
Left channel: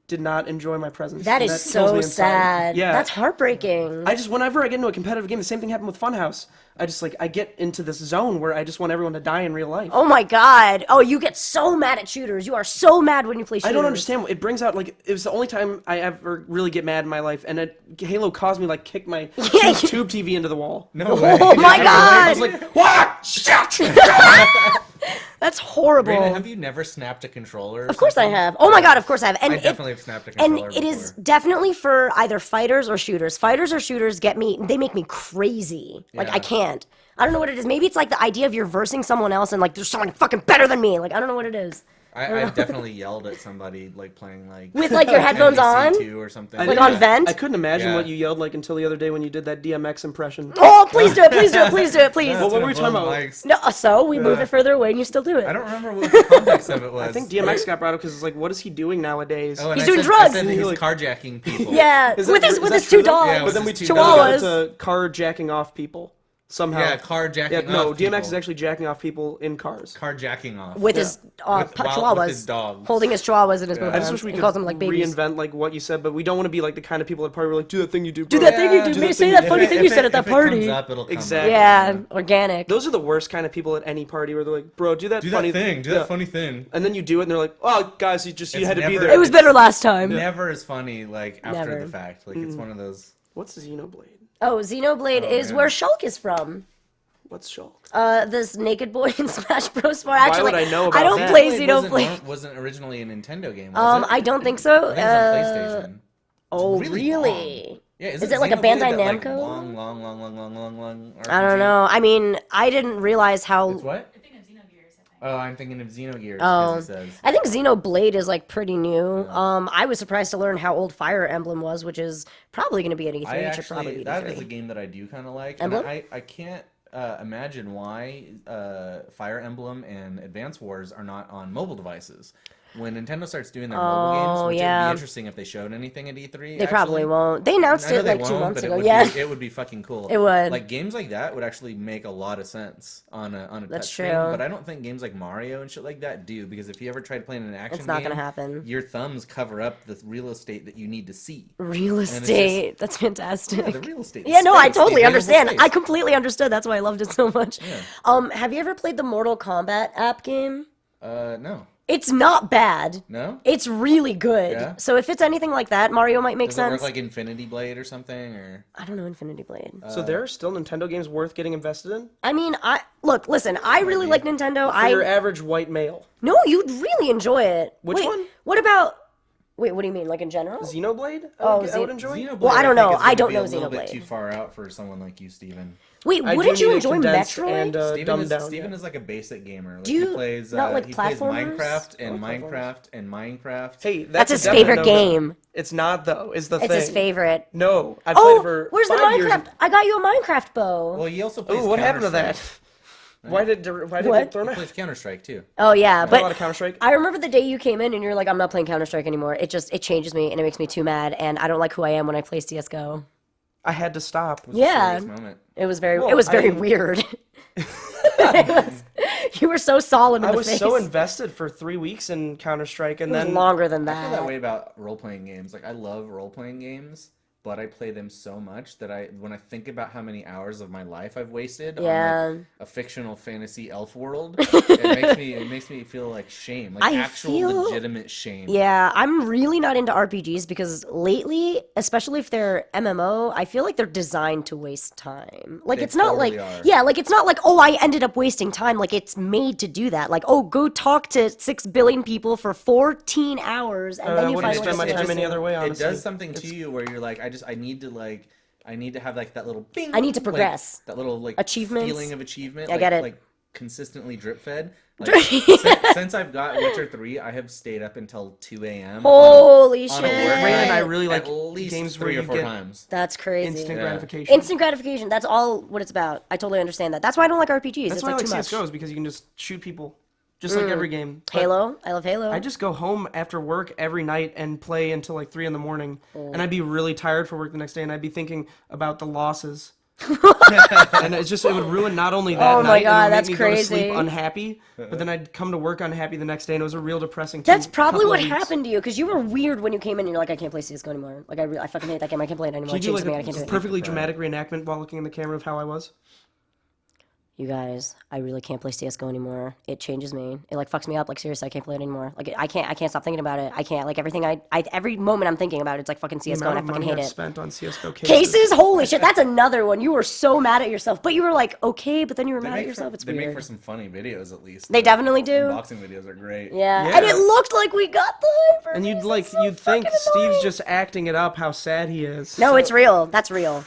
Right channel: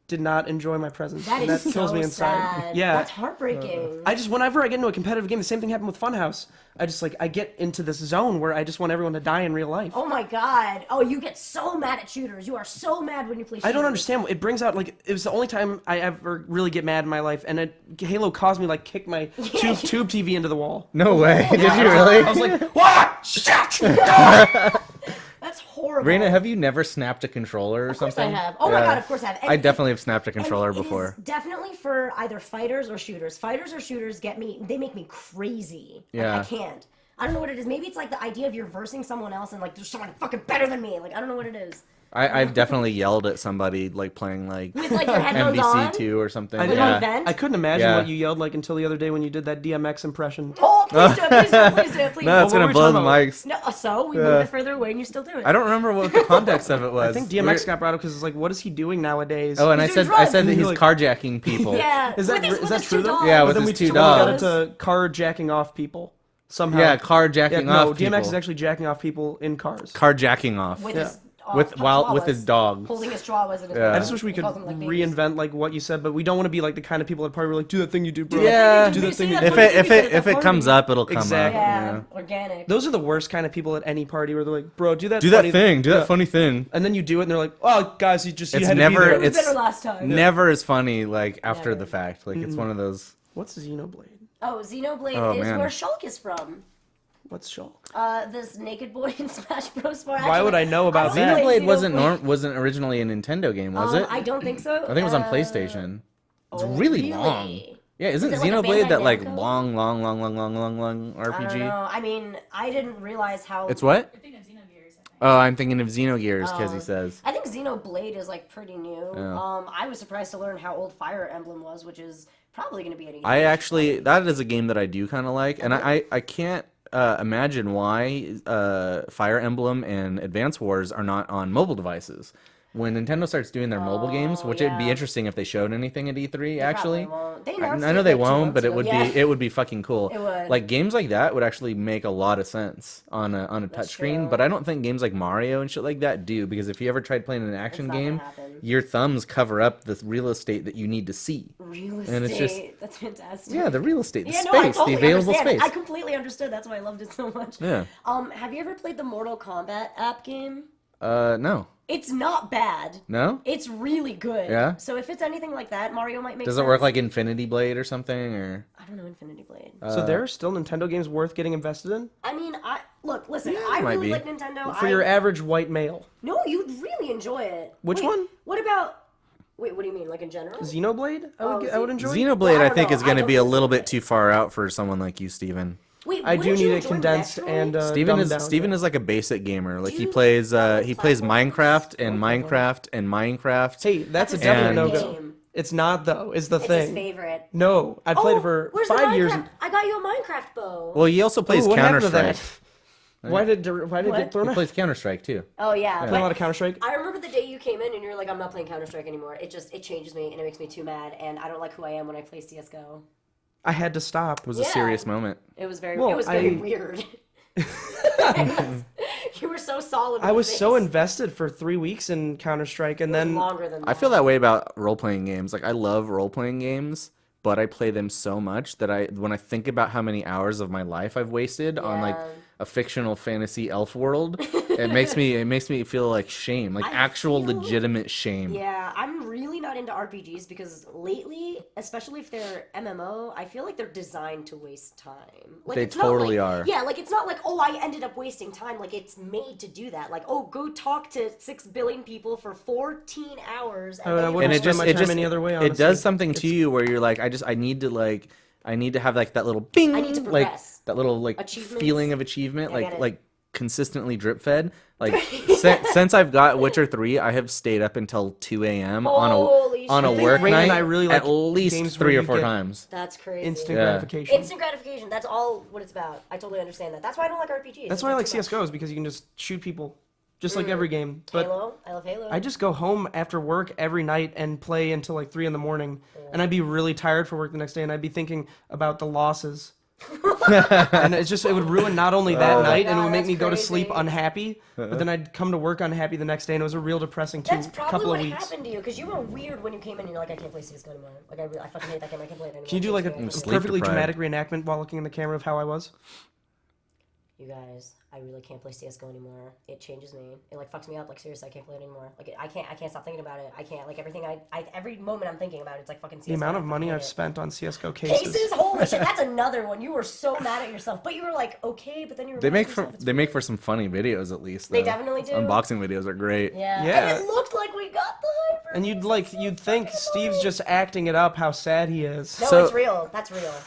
did not enjoy my presence. That and is that kills so me inside. sad. Yeah. That's heartbreaking. I just, whenever I get into a competitive game, the same thing happened with Funhouse. I get into this zone where I just want everyone to die in real life. Oh my god. Oh, you get so mad at shooters. You are so mad when you play shooters. I don't understand. It brings out, like, it was the only time I ever really get mad in my life, and Halo caused me, like, kick my tube TV into the wall. No way. Oh my god. I was like, what? Shit! That's horrible. Reina, have you never snapped a controller? Of course I have. Oh my god, of course I have. And I definitely have snapped a controller and it before. is definitely for either fighters or shooters. Fighters or shooters they make me crazy. Like Yeah. I can't. I don't know what it is. Maybe it's like the idea of you're versing someone else and like there's someone fucking better than me. Like I don't know what it is. I've definitely yelled at somebody like playing like With like your headphones on. MVC2 or something. I Like didn't- on vent? I couldn't imagine Yeah. what you yelled like until the other day when you did that DMX impression. Oh, please do it, please do it, please do it, please. No, it's what gonna were we blow talking the about? mics. No, so we moved it further away and you still do it. I don't remember what the context of it was. I think DMX got brought up because it's like, what is he doing nowadays? Oh, and He's I doing said, drugs. that he's Like- carjacking people. Yeah, Is that, with his, is with that his true two though? dogs. Yeah, But with then we his two got dogs. into carjacking off people. somehow. Yeah, carjacking Yeah, no, off DMX people. is actually jacking off people in cars. Carjacking off. with his with chihuahuas, his dogs. holding his chihuahuas in his mouth. I just wish we He could calls them like babies. reinvent like what you said, but we don't want to be like the kind of people at a party where like, do that thing you do, bro. Do that thing you do. Do You that say thing that you funny thing you said at that If it party. comes up, it'll come Exactly. up. Yeah, organic. Those are the worst kind of people at any party where they're like, bro, do that Do funny that thing. Do yeah. that funny thing. And then you do it, and they're like, oh, guys, you It's had to be never- there. It was it's- better last time. Never as funny like after Never. the fact. Like it's one of those. What's Xenoblade? Oh, Xenoblade Oh, is man. where Shulk is from. What's Shulk? This naked boy in Smash Bros. Actually, would I know about I don't that? play Xenoblade Xenoblade. wasn't originally a Nintendo game, was it? I don't think so. I think it was on PlayStation. It's Oh, really really? long. Yeah, isn't it like a Xenoblade Bandai that like Namco? long RPG? I don't know. I mean, I didn't realize how. It's what? You're thinking of Xenogears, I think. Oh, I'm thinking of Xenogears because he says. I think Xenoblade is like pretty new. I was surprised to learn how old Fire Emblem was, which is probably going to be at E3. I It should actually probably be that E3. is a game that I do kind of like, and Uh-huh. I can't imagine why Fire Emblem and Advance Wars are not on mobile devices. When Nintendo starts doing their mobile games, which it'd yeah. be interesting if they showed anything at E3. They probably won't. They announced I know it they like 2 won't, months but it ago. would Yeah. be it would be fucking cool. It would. Like games like that would actually make a lot of sense on a That's touch screen. true. But I don't think games like Mario and shit like that do, because if you ever tried playing an action not game, gonna happen. your thumbs cover up the real estate that you need to see. Real it's just- estate. That's fantastic. Yeah, the real estate. the Yeah, no, I space, the totally available understand. space. I completely understood. That's why I loved it so much. Yeah. Have you ever played the Mortal Kombat app game? No. It's not bad. No? It's really good. Yeah? So if it's anything like that, Mario might make Does sense. it work like Infinity Blade or something? Or I don't know Infinity Blade. So there are still Nintendo games worth getting invested in I mean, listen. I really be. like Nintendo. for your average white male. No, you'd really enjoy it. Which Wait, one? What about? Wait, what do you mean? Like in general? Xenoblade? Oh, I would enjoy. Xenoblade, Well, I I don't think, know. is I going to don't be a know little bit Xenoblade. too far out for someone like you, Steven. Wait, I do wouldn't you need it enjoy condensed Metroid? and dumbed down. Steven yeah. is like a basic gamer. Like Do he you plays not like he plays platformers? Minecraft I and like Minecraft and Minecraft. Hey, That's a his definite favorite no-go. game. It's not though. Is the It's thing? his favorite. No, I played it for where's 5 the Minecraft? years. I got you a Minecraft bow. Well, he also plays Ooh, what happened to Counter-Strike. that? Why did it What? get thrown He out? plays Counter-Strike too. Oh yeah, Play a lot but of Counter Strike. I remember the day you came in and you're like, I'm not playing Counter Strike anymore. It changes me and it makes me too mad, and I don't like who I am when I play CS:GO. I had to stop. It was Yeah. a serious moment. It was very Well, weird. You were so solid. In I the was face. so invested for 3 weeks in Counter Strike, and It was then longer than that. I feel that way about role-playing games. Like I love role-playing games, but I play them so much that when I think about how many hours of my life I've wasted on Yeah. like a fictional fantasy elf world, it makes me feel like shame, like I actual feel- legitimate shame. Yeah, I'm really not into RPGs because lately, especially if they're MMO, I feel like they're designed to waste time. Like They it's not totally like are. yeah, like it's not like oh I ended up wasting time. Like it's made to do that. Like oh go talk to 6 billion people for 14 hours and I then you wouldn't find spend my this time any person. other way. It Honestly, does something to you where you're like, I need to have like that little bing. I need to like, progress. that little like Achievements. feeling of achievement. I like, get it. Like consistently drip fed. Like since I've got Witcher 3, I have stayed up until 2 a.m. Holy on a shit. work Rain and night I really like at least games where 3 or you 4 get times. That's crazy. instant Yeah. gratification. Instant gratification. That's all what it's about. I totally understand that. That's why I don't like RPGs. That's It's why I like too much. CS:GO, is because you can just shoot people, just like every game. But Halo. I love Halo. I just go home after work every night and play until like 3 in the morning, and I'd be really tired for work the next day, and I'd be thinking about the losses. And it would ruin not only that Oh my night, God, and it would make that's me go to sleep crazy. unhappy, but then I'd come to work unhappy the next day, and it was a real depressing That's couple probably of what weeks. happened to you because you were weird when you came in and you're like, I can't play CSGO anymore. Like, I fucking hate that game. I can't play it anymore. Can you do It like jinxed a me. I can't do it. perfectly deprived. dramatic reenactment while looking in the camera of how I was? You guys, I really can't play CSGO anymore. It changes me. It like fucks me up. Like seriously, I can't play it anymore. Like I can't stop thinking about it. I can't. Like everything every moment I'm thinking about it, it's like fucking CSGO. The amount of and I fucking money hate I've it. spent on CS:GO cases. Cases? Holy shit, that's another one. You were so mad at yourself, but you were like, okay, but then you were mad at yourself. It's They make weird. for some funny videos at least. They though. definitely do. Unboxing videos are great. Yeah. Yeah. And it looked like we got the hyper. And It's so you'd think fucking Steve's annoying. just acting it up, how sad he is. No, So- it's real. That's real.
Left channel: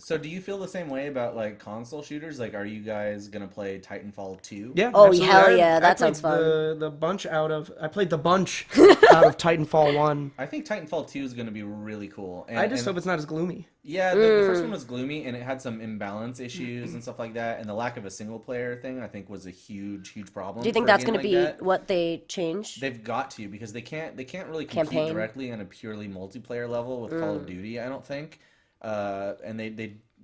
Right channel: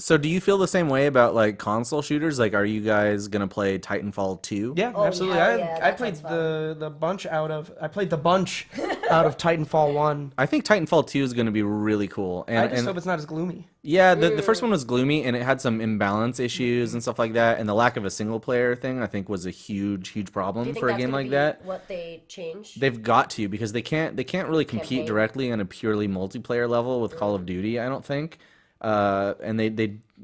So do you feel the same way about like console shooters? Like, are you guys gonna play Titanfall 2? Yeah, Oh, absolutely. hell yeah, I that played sounds fun. the bunch out of out of Titanfall 1. I think Titanfall 2 is gonna be really cool. And, I just and- hope it's not as gloomy. Yeah, the first one was gloomy and it had some imbalance issues and stuff like that. And the lack of a single player thing, I think, was a huge problem. Do you think for a that's game going like to be that. what they change? They've got to, because they can't really compete Campaign. directly on a purely multiplayer level with Call of Duty, I don't think. and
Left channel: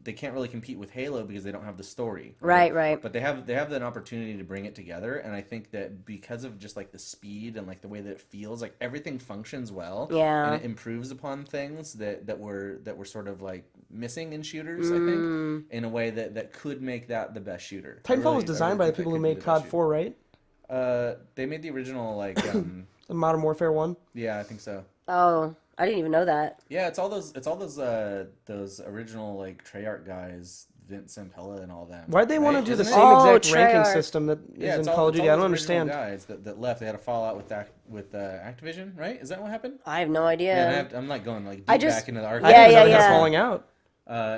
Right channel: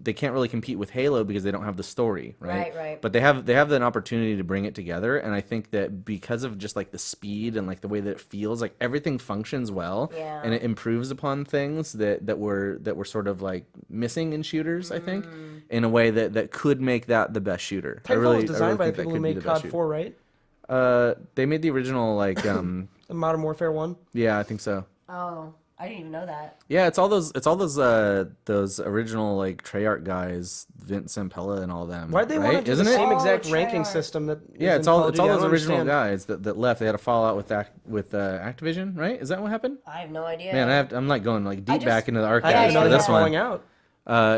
they can't really compete with Halo because they don't have the story. Right. But they have an opportunity to bring it together, and I think that because of just like the speed and like the way that it feels, like everything functions well, Yeah. and it improves upon things that were sort of like missing in shooters. I think in a way that could make that the best shooter. Titanfall was designed by the people who made COD 4, right? They made the original like The Modern Warfare 1. yeah, I think so. Oh, I didn't even know that. Yeah, it's all those original like Treyarch guys, Vince Sampella and all them. Why'd they want to do the Isn't it? same exact Oh, ranking Treyarch. system that Yeah, is in it's Call all of Duty? I don't those original understand. guys that left. They had a fallout with Activision, right? Is that what happened? I have no idea. Man, I'm like going like deep I just- back into the I archive. didn't know Yeah, they had yeah. falling out.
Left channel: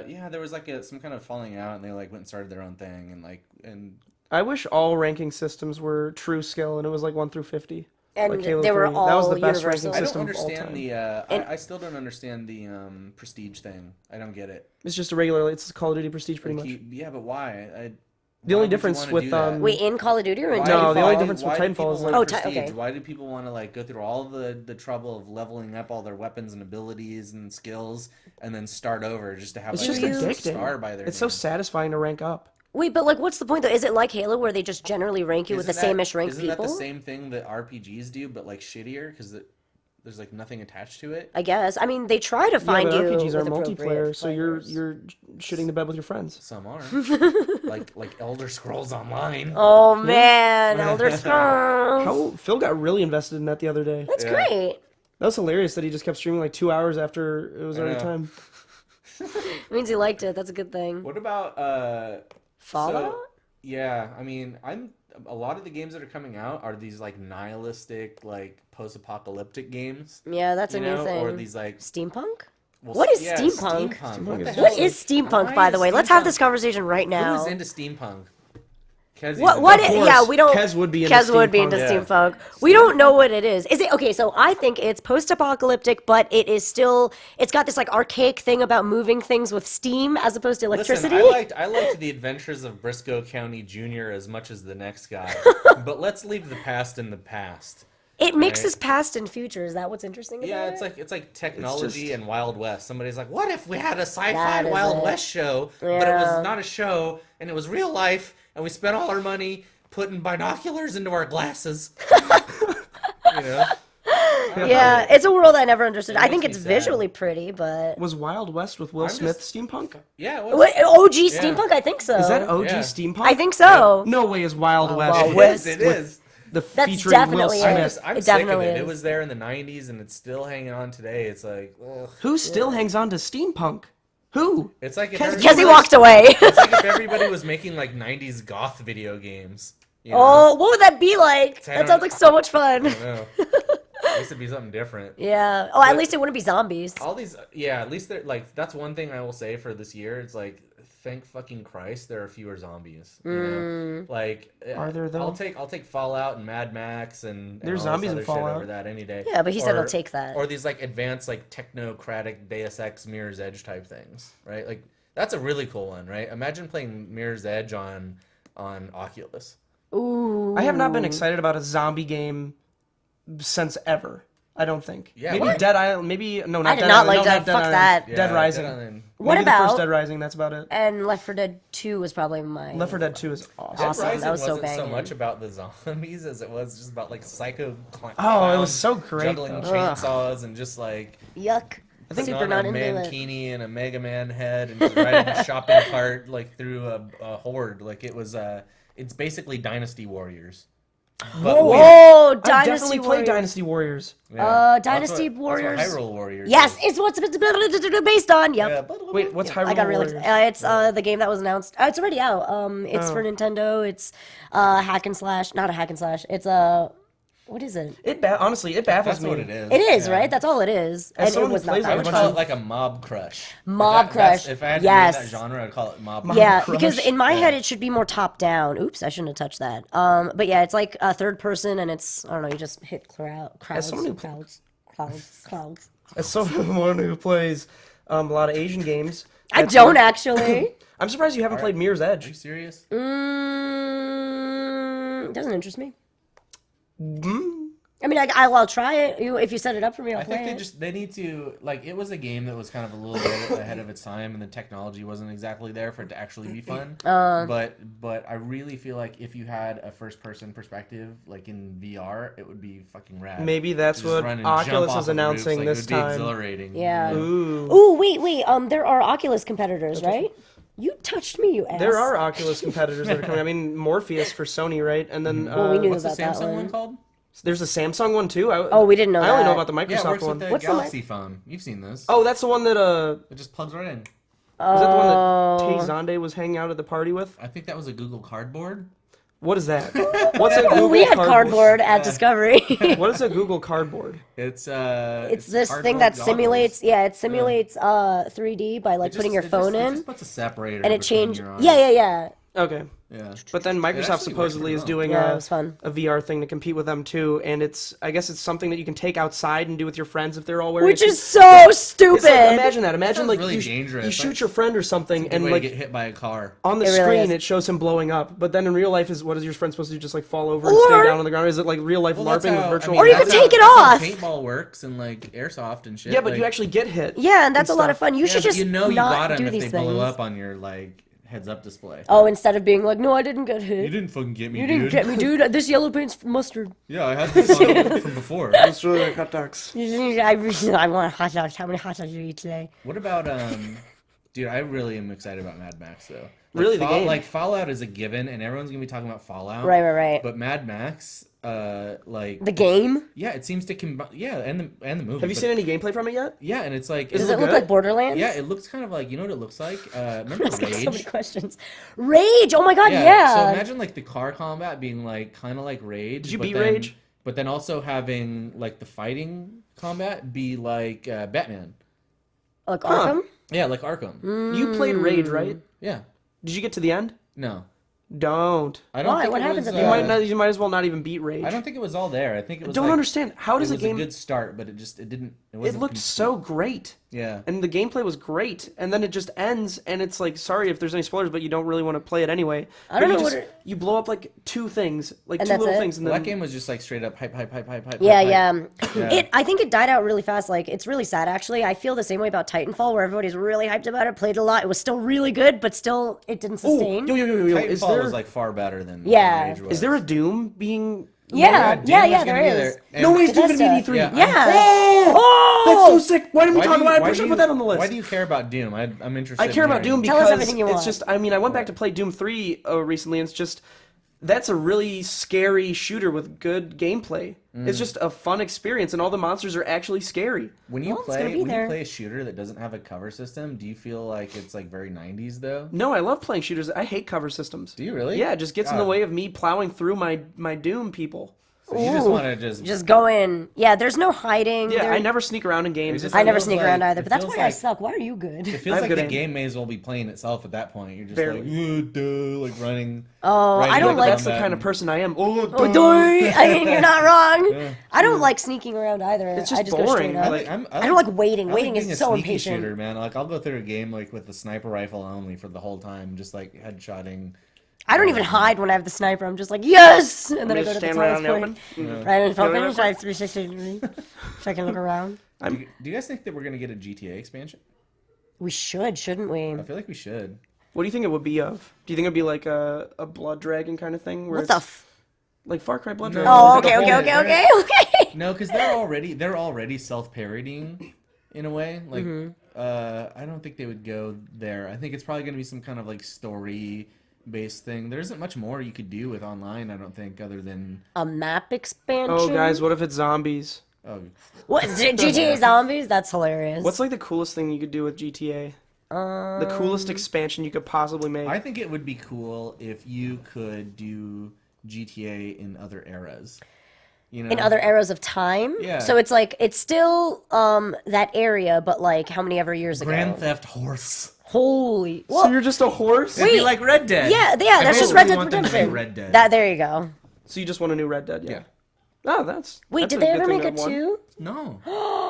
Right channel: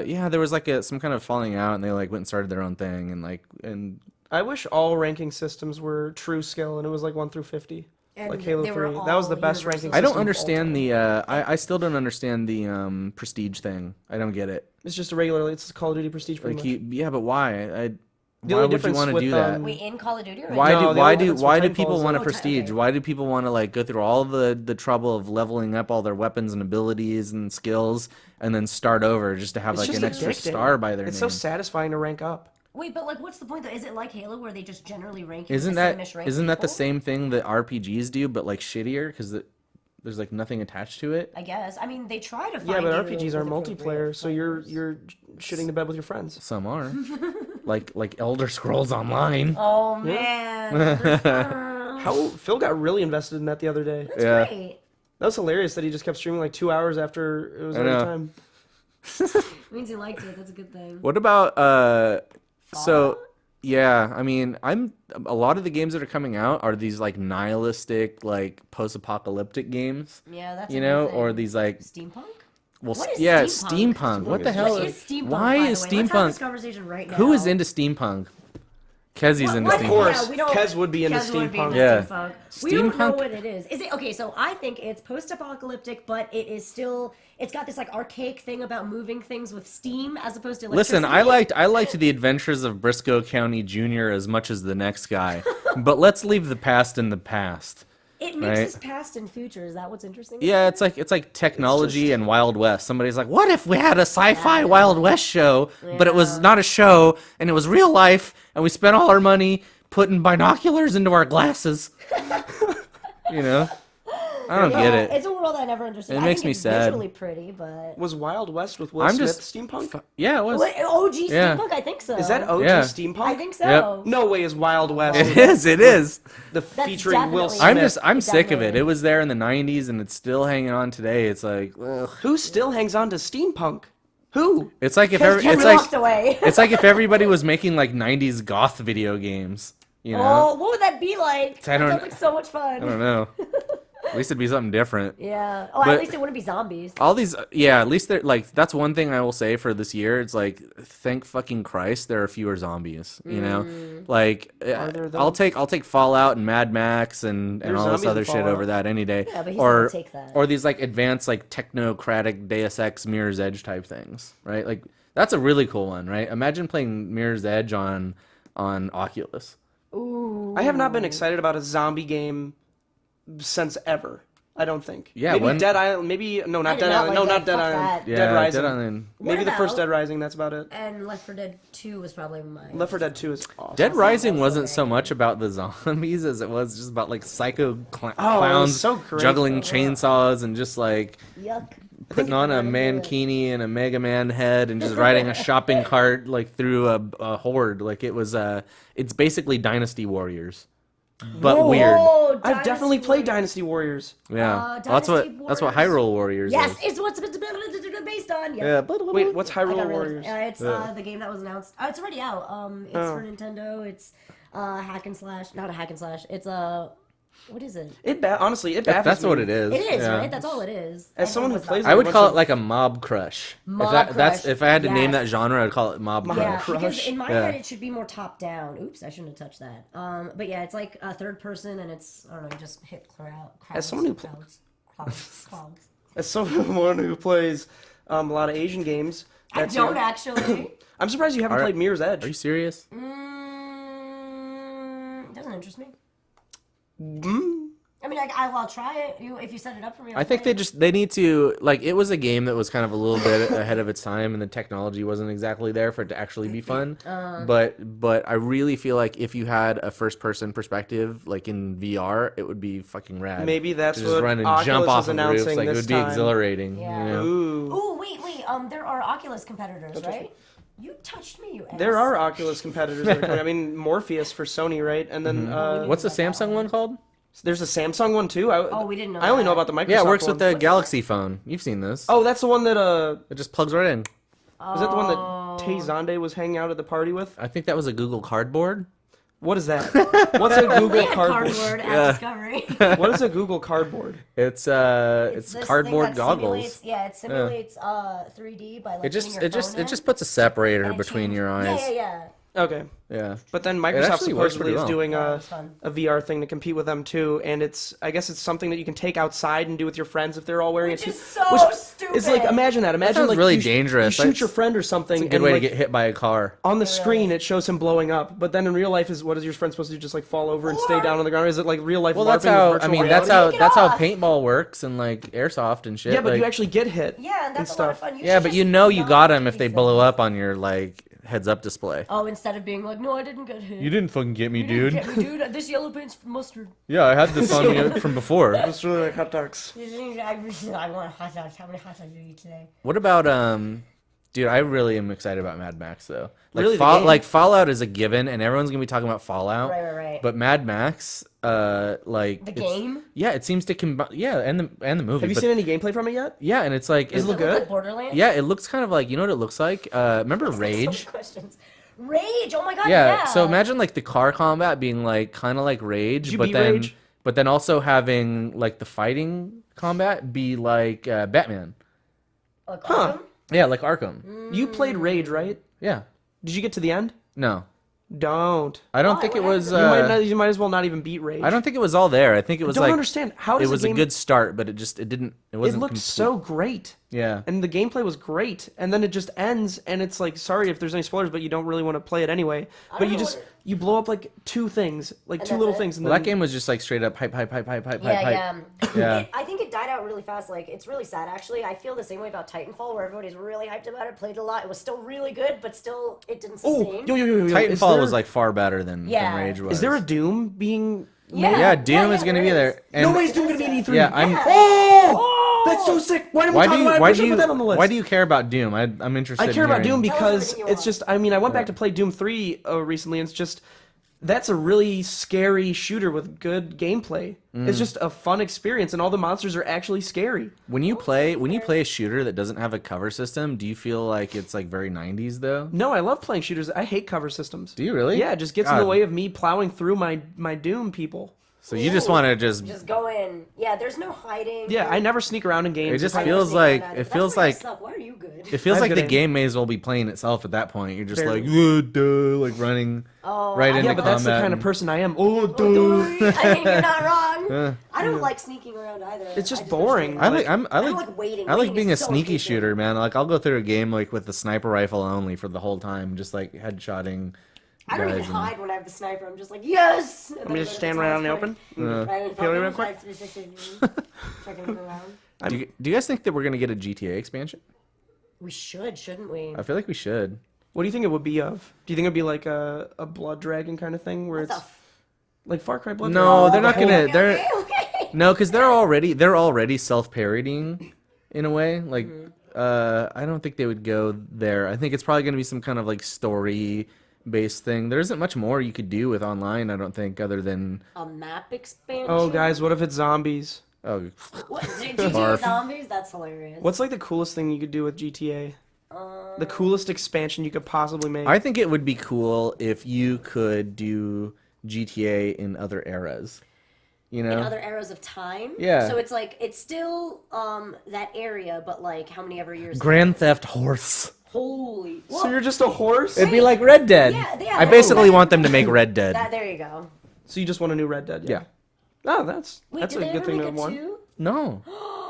Yeah, there was like some kind of falling out, and they like went and started their own thing, and I wish all ranking systems were true skill and it was like 1 through 50. And Like Halo they were 3. That was the all best universal. ranking I system. don't of all understand time. I still don't understand the prestige thing. I don't get it. It's just a regular. It's Call of Duty Prestige pretty Like, much. yeah, but why? The only difference with Wait, in Call of Duty or in Why No, do, the why only do, difference why with do Titanfall people is want like- to prestige? okay. Why do people want to like go through all the trouble of leveling up all their weapons and abilities and skills and then start over just to have It's like just an extra addicting. star by their It's name? so satisfying to rank up. Wait, but like, what's the point though? Is it like Halo where they just generally rank you with the same-ish rank isn't that the people? same thing that RPGs do, but like shittier because there's like nothing attached to it? I guess. I mean, they try to Yeah, find but you RPGs are with multiplayer, appropriate so you're flavors. shitting the bed with your friends. Some are like Elder Scrolls Online. Oh man, Elder Scrolls. How Phil got really invested in that the other day. That's Yeah. great. That was hilarious that he just kept streaming like 2 hours after it was I already know. time. It means he liked it. That's a good thing. What about Fallout? so yeah, I mean, a lot of the games that are coming out are these like nihilistic, like post-apocalyptic games, Yeah, that's a you new know, thing. or these like Steampunk? well, What is yeah, steampunk? steampunk. What Steampunk the is hell? What is steampunk, Why by is the way? Let's have steampunk- this conversation right now. Who is into steampunk? Kezzy's What, into what steampunk. is, course, yeah, we don't. Kez would be into Kez would be into steampunk. Yeah. steampunk. We don't know Steampunk? what it is. Is it okay? So I think it's post-apocalyptic, but it is still. It's got this like archaic thing about moving things with steam as opposed to electricity. Listen, I liked the adventures of Briscoe County Jr. as much as the next guy, but let's leave the past in the past. It mixes right? past and future. Is that what's interesting? Yeah, about it? it's like technology just- and Wild West. Somebody's like, what if we had a sci-fi That is Wild it. West show, but it was Yeah. not a show and it was real life, and we spent all our money putting binoculars into our glasses. You know? I don't Yeah, get it. it's a world I never understood. It I makes think me it's sad. visually pretty, but Was Wild West with Will I'm Smith just- steampunk? Yeah, it was. Wait, OG Yeah. steampunk. I think so. Is that OG Yeah. steampunk? I think so. No way is Wild West. Wild It West. is. It is. The That's featuring Will definitely Smith. it. I'm It sick of definitely it. is. It was there in the '90s, and it's still hanging on today. It's like, ugh. Who still hangs on to steampunk? Who? It's like if Kez- every, Kez it's We like, walked away. it's like if everybody was making like '90s goth video games. You know? Oh, what would that be like? I That don't- sounds like so much fun. I don't know. At least it'd be something different. Yeah. Oh, at But- least it wouldn't be zombies. All these, yeah. At least they're like that's one thing I will say for this year. It's like, thank fucking Christ, there are fewer zombies. You know, like Are there, though? I'll take Fallout and Mad Max and There's all this zombies in other shit Fallout. over that any day. Yeah, but he said he'll take that. Or these like advanced like technocratic Deus Ex Mirror's Edge type things, right? Like that's a really cool one, right? Imagine playing Mirror's Edge on Oculus. Ooh. I have not been excited about a zombie game since ever. I don't think. Yeah, maybe why? Dead Island. Maybe no, I not did Dead not Island. like No, that. not Dead Fuck Island. that. Yeah, Dead Rising. Island. What Maybe the first about- Dead Rising. That's about it. And Left 4 Dead 2 was probably mine. Left 4 Dead 2 is awesome. Dead Awesome. Rising That was so wasn't so banging. much about the zombies as it was just about like psycho Oh, clowns it was so great, juggling though. chainsaws and just like Yuck. I think putting on Super a not into it. mankini and a Mega Man head and just riding a shopping cart like through a horde. Like it was it's basically Dynasty Warriors. But Whoa. weird. Oh, I've Dynasty definitely played Warriors. Dynasty Warriors. Yeah. Dynasty That's what Warriors. Hyrule Warriors Yes, is. it's what's it's based on. Yep. Yeah. Wait, what's I Hyrule got really Warriors? it's the game that was announced. It's already out. It's for Nintendo. It's hack and slash, not a hack and slash. It's what is it? Honestly, it baffles That's me. what it is. It is, Yeah. right? That's all it is. As And it someone who was not plays I that would bunch call of- it like a mob crush. Mob crush. If I had to name that Yes. genre, I'd call it mob crush. Yeah, Crush. because in my Yeah. head it should be more top down. Oops, I shouldn't have touched that. But yeah, it's like a third person, and it's I don't know. You just hit crowds, someone who clouds. As someone who plays a lot of Asian games, I that's don't your- actually. I'm surprised you haven't played Mirror's Are you Edge. serious? It doesn't interest me. I mean, I'll try it if you set it up for me. I think they need to, like, it was a game that was kind of a little bit ahead of its time, and the technology wasn't exactly there for it to actually be fun. But I really feel like if you had a first person perspective, like in VR, it would be fucking rad. Maybe that's To just what run and jump Oculus off is of roofs, announcing like, this it would be time. exhilarating. Yeah. You know? Ooh. Ooh, wait. There are Oculus competitors, right? You touched me, you ass. There are Oculus competitors that are coming. I mean, Morpheus for Sony, right? And then Well, we knew What's the about that Samsung one one. called? there's a Samsung one too. We didn't know I only know that. about the Microsoft Yeah, it works one. with the What's the Galaxy phone. You've seen this. Oh, that's the one that It just plugs right in. was that the one that Tay Zonde was hanging out at the party with? I think that was a Google Cardboard. What is that? What's a Google We had Cardboard? cardboard at Discovery. What is a Google Cardboard? It's It's this thing cardboard that goggles. simulates. Yeah, it simulates 3D by like putting your phone in. It just puts a separator and it between changes. your eyes. Yeah. Okay. Yeah. But then Microsoft actually works supposedly pretty is well. doing Yeah, it was fun. a VR thing to compete with them too, and I guess it's something that you can take outside and do with your friends if they're all wearing Which it. is so stupid. It's like imagine that. Imagine sounds like really you dangerous. shoot your friend or something, Good and way like to get hit by a car. on the It really screen is. it shows him blowing up. But then in real life, what is your friend supposed to do? Just like fall over and Or- stay down on the ground? Is it like real life Well, that's LARPing how, with I virtual mean, Or you that's reality? how, take it that's off. how paintball works and like airsoft and shit. Yeah, but like, you actually get hit. Yeah, and that's a lot of stuff. fun. You yeah, should but just you know you not got do them if these they blow things. up on your like heads-up display. Oh, instead of being like, no, I didn't get hit. didn't fucking get me, You didn't get me, dude. This yellow paint's mustard. Yeah, I had this on from before. It's really like hot dogs. I want hot dogs. How many hot dogs do you eat today? What about dude? I really am excited about Mad Max though. Like, Really, the game? like Fallout is a given, and everyone's gonna be talking about Fallout. Right. But Mad Max, like The game? yeah, it seems to combine. Yeah, and the movie. Have you but- seen any gameplay from it yet? Yeah, and it's like Does Does it it look look good? like Borderlands? yeah, it looks kind of like, you know what it looks like? Remember So many Rage? questions. Rage! Oh my god, Yeah. yeah. So imagine like the car combat being like kind of like Rage. Did you but beat then, Rage? But then also having like the fighting combat be like Batman. Like Huh. Arkham? Yeah, like Arkham. You played Rage, right? Yeah. Did you get to the end? No, Don't. I don't Why? think What it happens was. at You the you might as well not even beat Rage. I don't think it was all there. I think it was. don't like, understand. How does it a was game? a good start, but it didn't. It It wasn't. looked so great, Yeah. and the gameplay was great, and then it just ends, and it's like, sorry if there's any spoilers, but you don't really want to play it anyway. I But don't you know just what you blow up like two things, like And two that's little it? things, and Well, then that game was just like straight up hype. Yeah, hype. yeah. Yeah. I think it died out really fast. Like, it's really sad, actually. I feel the same way about Titanfall, where everybody's really hyped about it, played a lot. It was still really good, but still, it didn't oh, sustain. yo. Is Titanfall there was like far better than Yeah. Rage was. is there a Doom being? Yeah, Doom is gonna there be is. there. And- No way, it's Doom gonna be Bethesda. in E3. Yeah, I'm- Yeah. Oh, that's so sick. Why didn't we Why talk do you- about it? why I do should you- put that on the list. Why do you care about Doom? I'm interested. I care in about Doom hearing. Tell us because everything you it's want. just. I mean, I went back to play Doom 3 recently, and it's just. That's a really scary shooter with good gameplay. It's just a fun experience, and all the monsters are actually scary. When you it's gonna be there. play a shooter that doesn't have a cover system, do you feel like it's like very 90s though? No, I love playing shooters. I hate cover systems. Do you really? Yeah, it just gets in the God. way of me plowing through my Doom people. So you just Ooh. want to just Just go in. Yeah, there's no hiding. Yeah, There- I never sneak around in games. It just I never feels sneak like- around either, it but that's feels why I like- suck. Why are you good? It I feels have like good the aim. game may as well be playing itself at that point. You're just Barely. like, duh, like running. Oh, right I into don't but like. that's the kind of person I am. Oh, Oh, duh. doy. I mean, you're not wrong. I don't like sneaking around either. It's just I go straight boring. up. I Like- like, I don't like waiting. I like Waiting being is a so sneaky impatient. shooter, man. Like I'll go through a game like with the sniper rifle only for the whole time, just like headshotting. I don't even hide when I have the sniper. I'm just like, yes! And then I just go to stand the right tallest out in the point. open. Right in the Feel it real open, quick? like 360 degrees, so I can look around. Do you guys think that we're gonna get a GTA expansion? We should, shouldn't we? I feel like we should. What do you think it would be of? Do you think it'd be like a blood dragon kind of thing, where What the it's like Far Cry Blood No, Dragon? Oh, they're okay, not okay, gonna- okay, okay. No, because they're already self-parodying in a way. Like, I don't think they would go there. I think it's probably gonna be some kind of like story-based thing. There isn't much more you could do with online. I don't think, other than A map expansion? Oh, guys, what if it's zombies? oh, What? GTA Zombies? That's hilarious. What's like the coolest thing you could do with GTA? The coolest expansion you could possibly make. I think it would be cool if you could do GTA in other eras. You know, in other eras of time? Yeah. So it's like, it's still that area, but like how many ever years Grand ago? Theft Horse. Holy. so you're just a horse? It'd be Wait. like Red Dead. Yeah, I that's just Red basically Dead want them to make Redemption. Red Dead. There you go. So you just want a new Red Dead? Yeah. Oh, that's Wait, that's did a they good ever thing make to it have won. too? No,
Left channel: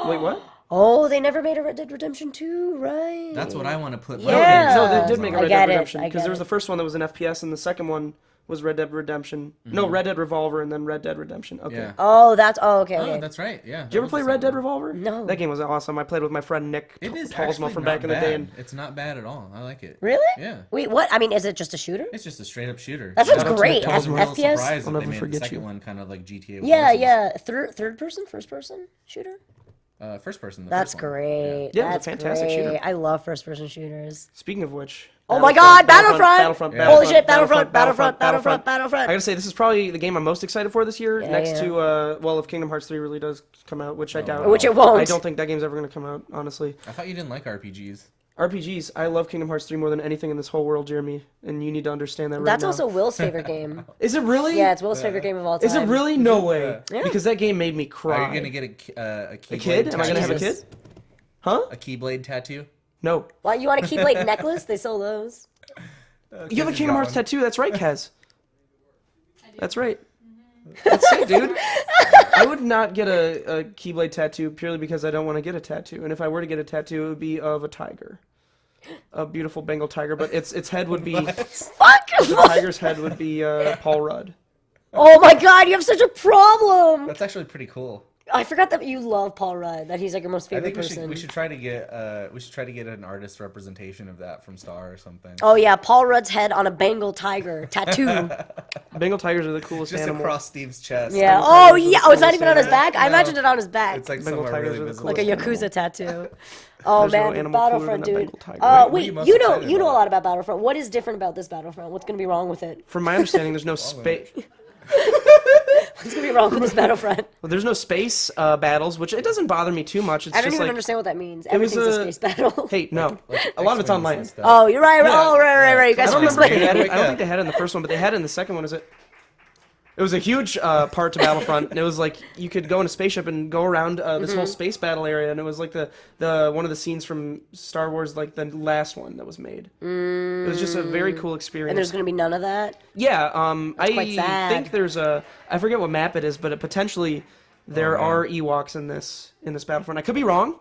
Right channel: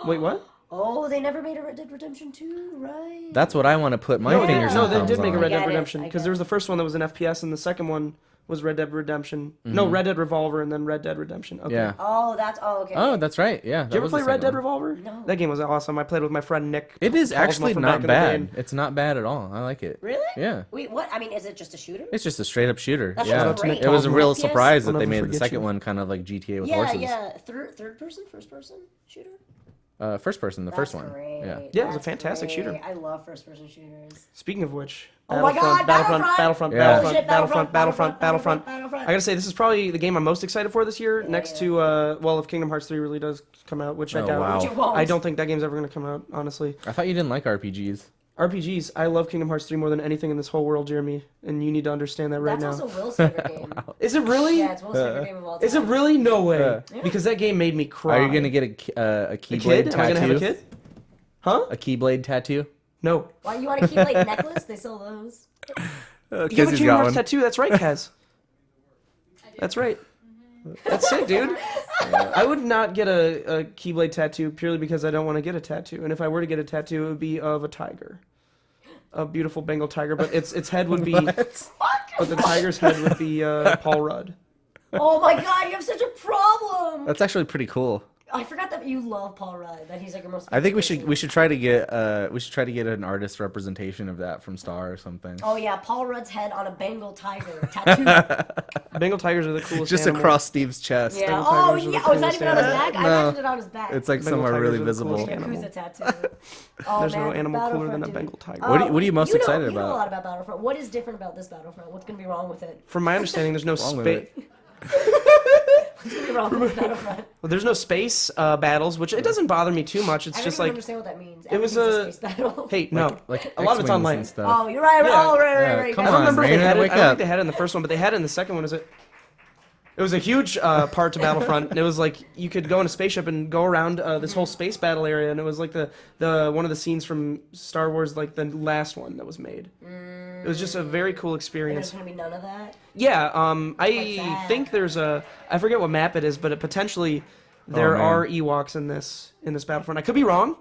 Wait, what? Oh, they never made a Red Dead Redemption 2, right? that's what I want to put my No, Yeah. no, they thumbs did make a on. Red I Dead get it, Redemption I because get there was it. the first one that was an FPS and the second one was Red Dead Redemption. No, Red Dead Revolver and then Red Dead Redemption. Okay. Yeah. Okay. Oh, Okay. that's right. Yeah. Did you ever play Red Dead Revolver? No. That game was awesome. I played with my friend Nick. It is Tolsma actually from not back in the day. bad. And It's not bad at all. I like it. Really? Yeah. Wait, what? I mean, is it just a shooter? It's just a straight up shooter. That Yeah. sounds great. It was a real FPS? surprise that I'll they never made the forget second you. one kind of like GTA with Yeah, horses. yeah. Third person, first person shooter. First person, the That's first one. great. Yeah, it was a That's fantastic shooter. great. I love first person shooters. Speaking of which, Oh my God, Battlefront! Battlefront, Yeah. Battlefront, Holy shit, Battlefront, Battlefront, Battlefront. Battlefront. I gotta say, this is probably the game I'm most excited for this year. Yeah, next yeah. to, well, if Kingdom Hearts 3 really does come out, which I Oh, doubt. wow. Which it won't. I don't think that game's ever gonna come out, honestly. I thought you didn't like RPGs. RPGs, I love Kingdom Hearts 3 more than anything in this whole world, Jeremy, and you need to understand that right That's now. also Will's favorite game. Is it really? Yeah, it's Will's favorite game of all time. Is it really? No way. Yeah. Because that game made me cry. Are you gonna get a Keyblade a kid? Am I gonna have a tattoo? kid? Huh? A Keyblade tattoo? No. Why, you want a Keyblade necklace? They sell those. You have a Kingdom Hearts tattoo. That's right, Kaz. That's right. That's sick, dude. I would not get a Keyblade tattoo purely because I don't want to get a tattoo. And if I were to get a tattoo, it would be of a tiger. A beautiful Bengal tiger, but its head would be... Fuck! The tiger's head would be Paul Rudd. Oh my God, you have such a problem! That's actually pretty cool. I forgot that you love Paul Rudd. That he's like your most favorite I think person. we should try to get an artist representation of that from Star or something. Oh yeah, Paul Rudd's head on a Bengal tiger tattoo. Bengal tigers are the coolest Just animals. across Steve's chest. Yeah. Bengal Oh tigers are the yeah. Oh, it's not coolest even on his animal. back. I imagined it on his back. It's like Bengal somewhere tigers really are the visible. like a coolest Yakuza animal. tattoo. Oh There's no man, animal cooler than Battlefront, a dude. Bengal tiger. What are you most you know, excited you know a about? lot about Battlefront. What is different about this Battlefront? What's gonna be wrong with it? From my understanding, there's no wrong with space. it? What's gonna be wrong with this Battlefront? Well, there's no space battles, which it doesn't bother me too much. It's I don't just even like, understand what that means. it was Everything's a space battle. hey, no, Like a lot of it's X-Wings online. and stuff. Oh, you're right. Yeah. Oh, right. You guys I don't remember if they Brandon, had it. wake I don't up. think they had it in the first one, but they had it in the second one. Is it? It was a huge part to Battlefront. And it was like you could go in a spaceship and go around this whole space battle area, and it was like the one of the scenes from Star Wars, like the last one that was made. It was just a very cool And there's experience. gonna be none of that. Yeah, quite I sad. think there's I forget what map it is, but potentially there are Ewoks in this Battlefront. I could be wrong.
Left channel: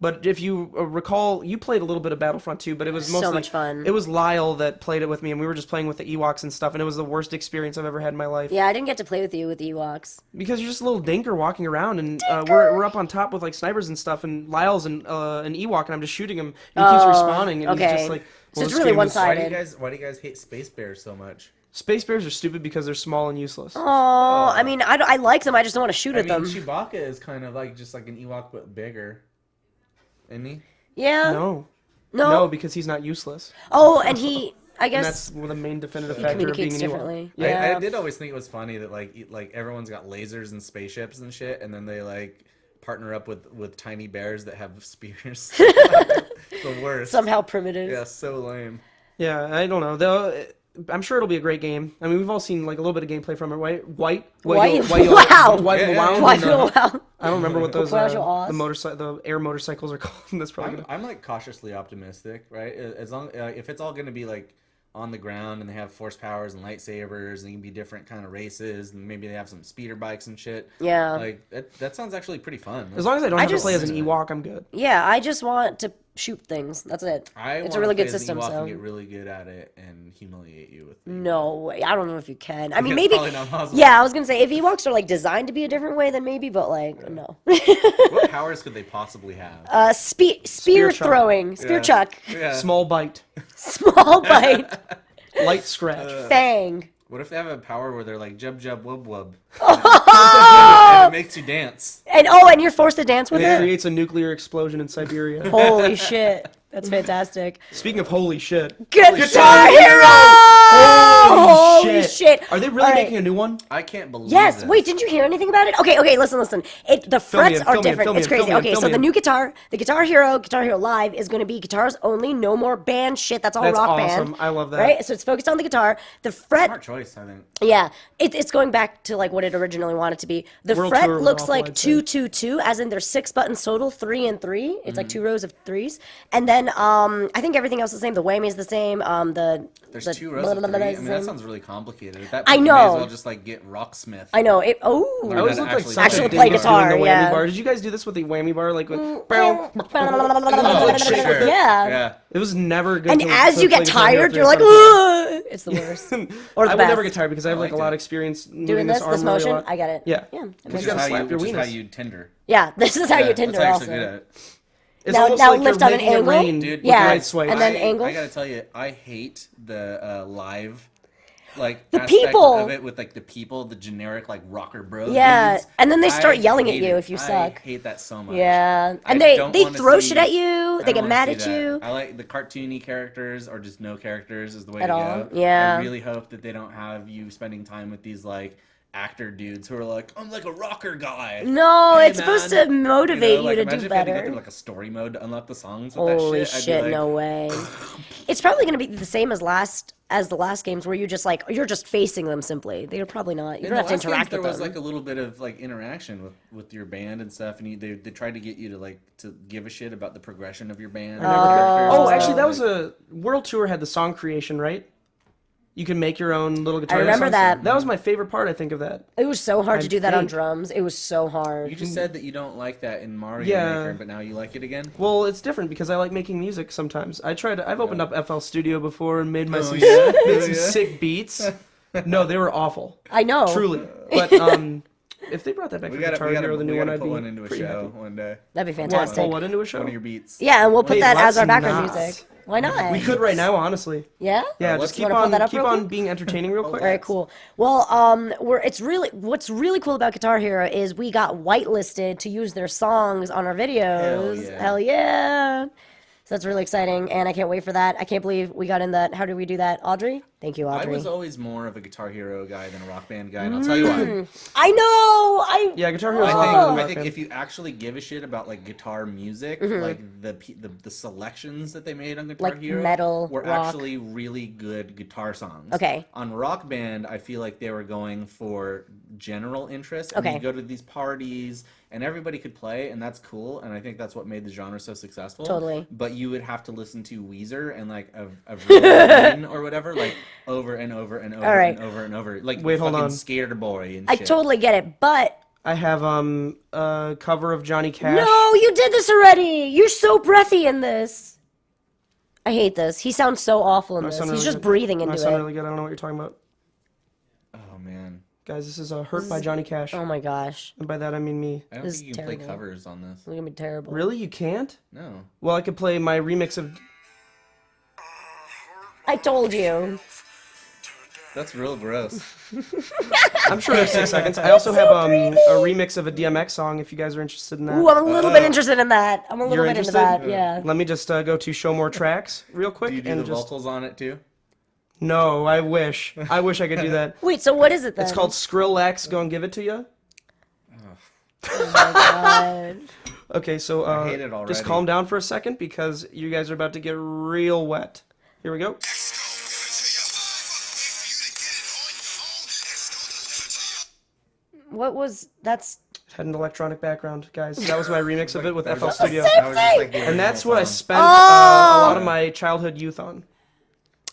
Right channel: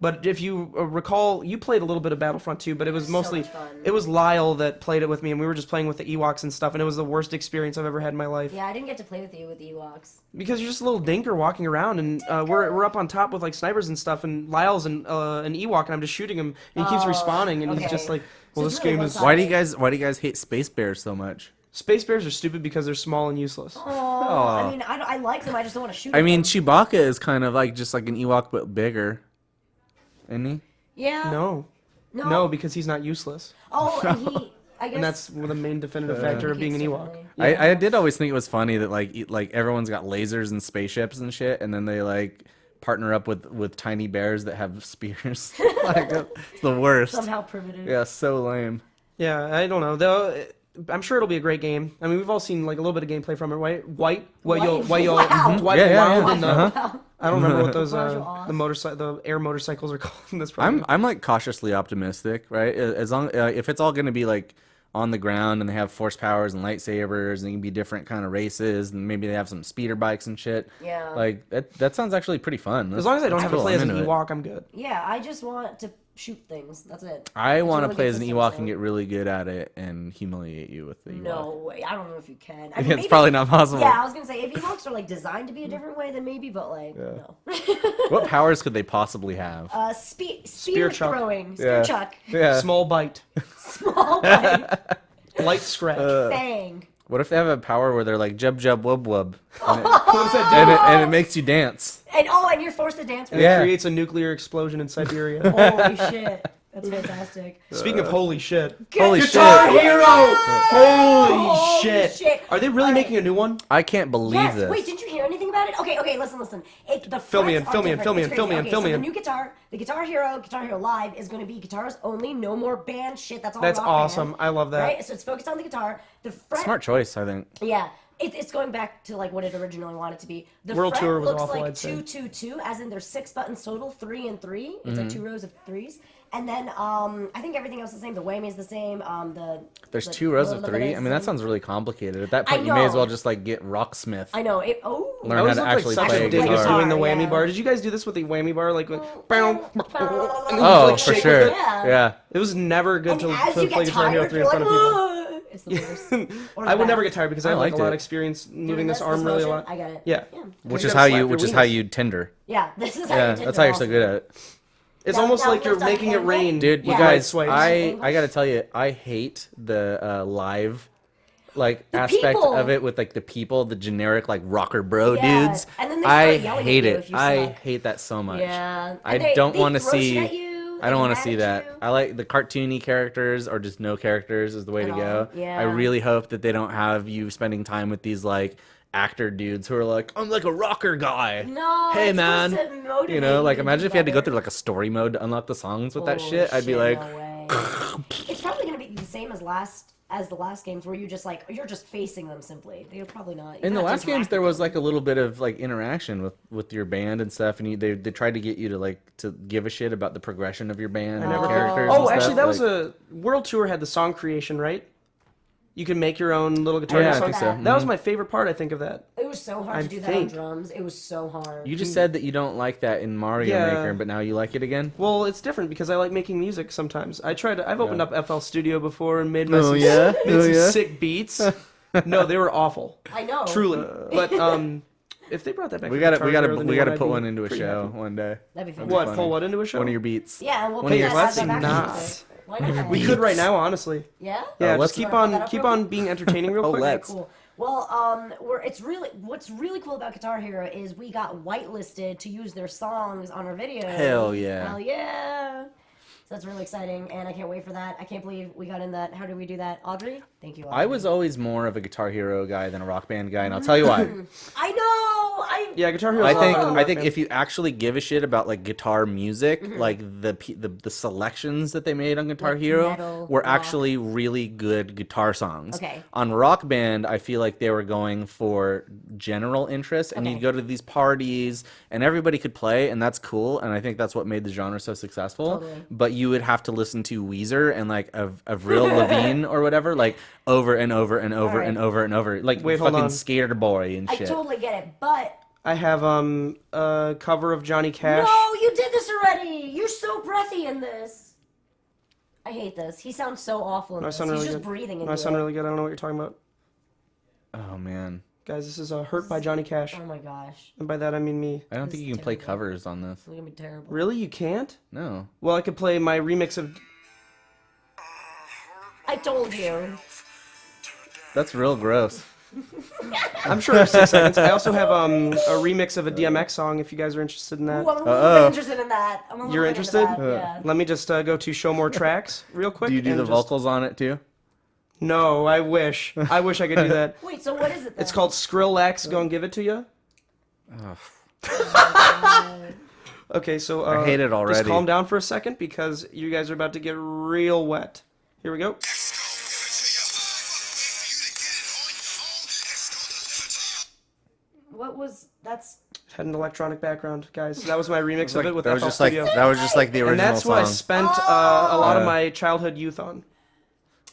But if you recall, you played a little bit of Battlefront 2, but it was So mostly much fun. It was Lyle that played it with me, and we were just playing with the Ewoks and stuff, and it was the worst experience I've ever had in my life. Yeah, I didn't get to play with you with the Ewoks. Because you're just a little dinker walking around, and we're up on top with like snipers and stuff, and Lyle's an Ewok, and I'm just shooting him, and he keeps respawning, and he's okay. just like, So well, it's this really game is. one-sided. Why do you guys hate Space Bears so much? Space bears are stupid because they're small and useless. Oh, I mean, I like them. I just don't want to shoot I at mean, them. Chewbacca is kind of like just like an Ewok but bigger, isn't he? Yeah. No, No. no, because he's not useless, Oh, and he. I guess. and that's the main definitive factor of being an communicates Ewok. differently. I did always think it was funny that like everyone's got lasers and spaceships and shit, and then they like partner up with tiny bears that have spears. Like, it's the worst. Somehow primitive. Yeah, so lame. Yeah, I don't know. Though I'm sure it'll be a great game. I mean, we've all seen like a little bit of gameplay from it, right? White? Wow. Yeah, yeah. Wound, and, Wow. I don't remember what those Wow. the air motorcycles are called in this program. I'm like cautiously optimistic, right? As long if it's all gonna be like on the ground and they have force powers and lightsabers and it can be different kind of races and maybe they have some speeder bikes and shit. Yeah. Like that sounds actually pretty fun. As long as I don't have to just- play as an into it. Ewok, I'm good. Yeah, I just want to shoot things. That's it. I It's a want really to play good as an system, Ewok so- and get really good at it and humiliate you with the Ewok. No way. I don't know if you can. I mean, It's maybe. probably not possible. Yeah, I was gonna say if Ewoks are like designed to be a different way, then maybe. But like, no. What powers could they possibly have? Spear chuck. throwing, spear Yeah. chuck, Yeah. Small bite, small bite, light scratch. fang. What if they have a power where they're like jub jub wub wub, and it makes you dance? And you're forced to dance with It it. creates a nuclear explosion in Siberia. Holy shit, that's fantastic. Speaking of holy shit, Guitar Hero! Holy shit! Are they really All right. making a new one? I can't believe Yes. this. Wait, didn't you hear anything about it? Okay. Listen. The Fill me frets in, are fill me in, different. fill me It's in, crazy. fill me in, Okay, fill so me the in. new Guitar Hero Live is going to be guitars only, no more band shit. That's all That's rock awesome. band. I love that. Right. So it's focused on the guitar. The fret. Smart choice, I think. Yeah, it's going back to like what it originally wanted to be. The World fret Tour was looks awful, like I'd say. 2-2-2, as in there's 6 buttons total, 3 and 3. It's like 2 rows of 3s, and then I think everything else is the same. The whammy is the same. There's the 2 rows of 3. I is mean, the that same. sounds really complicated. At that I point, you may as know. well just like get Rocksmith. I know it. I always Learn looked how like to such actually a play dingus guitar, doing the whammy yeah. bar. Did you guys do this with the whammy bar? Like, Oh, like for shake with sure. it? Yeah. Yeah. It was never good And to as to you play get Guitar Hero tired, 3 you're in like, front of people. ugh! It's the worst. Or the I will never best. get tired because I have like a liked lot of it. experience moving Doing this arm really motion, a lot. I get it. Yeah. Yeah. Which You is gotta how slap you your which is how wieners. you Tinder. Yeah, this is how you Tinder That's how you're so also. good at it. It's Now- almost now like you're lift on an making it angle? rain Dude, with the Yeah. right swipe. And then angle? I gotta tell you, I hate the live like The aspect people. of it with like the people, the generic like rocker bro Yeah, dudes. and then they start I yelling at hate you it. if you I suck. hate that so much. Yeah, and I they don't wanna throw see- shit at you. I They don't get wanna mad see at that. you. I like the cartoony characters or just no characters is the way At to all. go. Yeah. I really hope that they don't have you spending time with these like actor dudes who are like, I'm like a rocker guy. No, Hey, it's man. supposed to motivate you, like to imagine do if you had to go better. through like a story mode to unlock the songs with that Holy shit. I'd be like, no way. It's probably gonna be the same as the last games where you just like you're just facing them simply. They're probably not. You in don't the have to last interact games, there with was them. like a little bit of like interaction with your band and stuff, and they tried to get you to give a shit about the progression of your band. I never characters Oh, and actually, stuff, that was like- a World Tour had the song creation, right? You can make your own little guitar. remember songs. that. That was my favorite part, I think, of that. It was so hard to I do that on think. drums. It was so hard. You just said that you don't like that in Mario Yeah. Maker, but now you like it again. Well, it's different because I like making music sometimes. I've opened up FL Studio before and made Oh, yeah? made Oh, some yeah? sick beats. No, they were awful. I know. Truly. But if they brought that back We for gotta Guitar Hero, the new one, I'd put be one into a pretty show happy. one day. That'd be What? fantastic. Pull what into a show? One of your beats. Yeah, and we'll put Hey, that as our let's background not. music. Why not? We could right now, honestly. Yeah. Yeah, let's- just keep wanna pull that on up keep real on quick? being entertaining real quick. Very cool. Well, what's really cool about Guitar Hero is we got whitelisted to use their songs on our videos. Hell yeah. Hell yeah. So that's really exciting, and I can't wait for that. I can't believe we got in that. How did we do that, Audrey? Thank you, Audrey. I was always more of a Guitar Hero guy than a Rock Band guy, and I'll tell you why. I know. Yeah, Guitar Hero's a lot better than I Rock think Band. if you actually give a shit about like guitar music, like the selections that they made on Guitar Like Hero metal, were rock. actually really good guitar songs. Okay. On Rock Band, I feel like they were going for general interest, and Okay. you go to these parties, and everybody could play, and that's cool, and I think that's what made the genre so successful. Totally. But you would have to listen to Weezer and like Avril Lavigne or whatever, like over and over and over right. and over and over, like Wait, hold fucking on. Scared Boy and I shit. totally get it, but I have a cover of Johnny Cash. no, you did this already. You're so breathy in this. I hate this. He sounds so awful in My this. son He's really just good. breathing into My son it. really good. I don't know what you're talking about. Oh man. Guys, this is Hurt by Johnny Cash. Oh my gosh, And by that I mean me. I don't This think is you can play terrible. covers on this. it's gonna be terrible. Really? You can't? No. Well, I could play my remix of... I told you. That's real gross. I'm sure there's 6 seconds. I also have a remix of a DMX song if you guys are interested in that. Ooh, I'm a little bit interested in that. I'm a little You're bit interested? into that. Yeah. Let me just go to Show More Tracks real quick. Do you do and the just... vocals on it too? No, I wish. I wish I could do that. Wait, so what is it then? It's called Skrillex, Go and Give It To You. Okay, so I hate it already. just calm down for a second because you guys are about to get real wet. Here we go. What was that's? Had an electronic background, guys. That was my remix of it with That was FL just like, Studio. that was just like the original And that's what I song. spent a lot of my childhood youth on.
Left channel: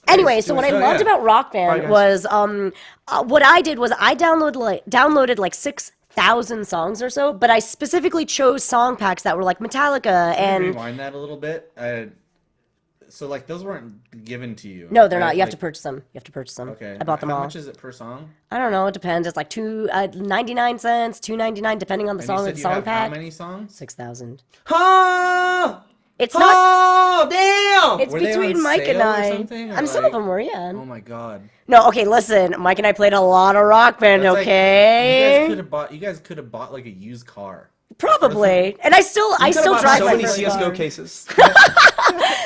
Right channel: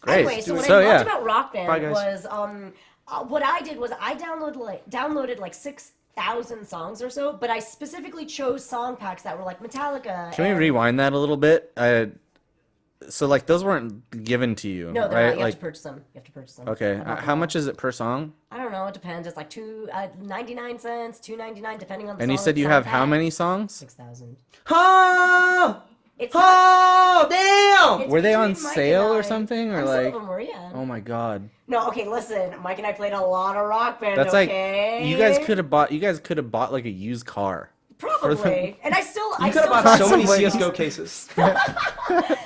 Anyway, so what I loved about Rock Bye, Band guys. was what I did was I downloaded like 6,000 songs or so, but I specifically chose song packs that were like Metallica Can and we rewind that a little bit? So like those weren't given to you. no, they're right? not. You have Like- to purchase them. You have to purchase them. Okay. I bought them How all. much is it per song? I don't know. It depends. It's like 99 cents, $2.99, depending on the And song. you said and you song have how pack. many songs? 6,000. Oh, It's not. damn! It's Were they between on Mike and sale or I. something, or And some of like- them were, yeah. Oh my god. No, okay, listen. Mike and I played a lot of Rock Band. That's like- okay. you guys could have bought like a used car. Probably. And I still You could still have drive bought so many some of CSGO cars. cases.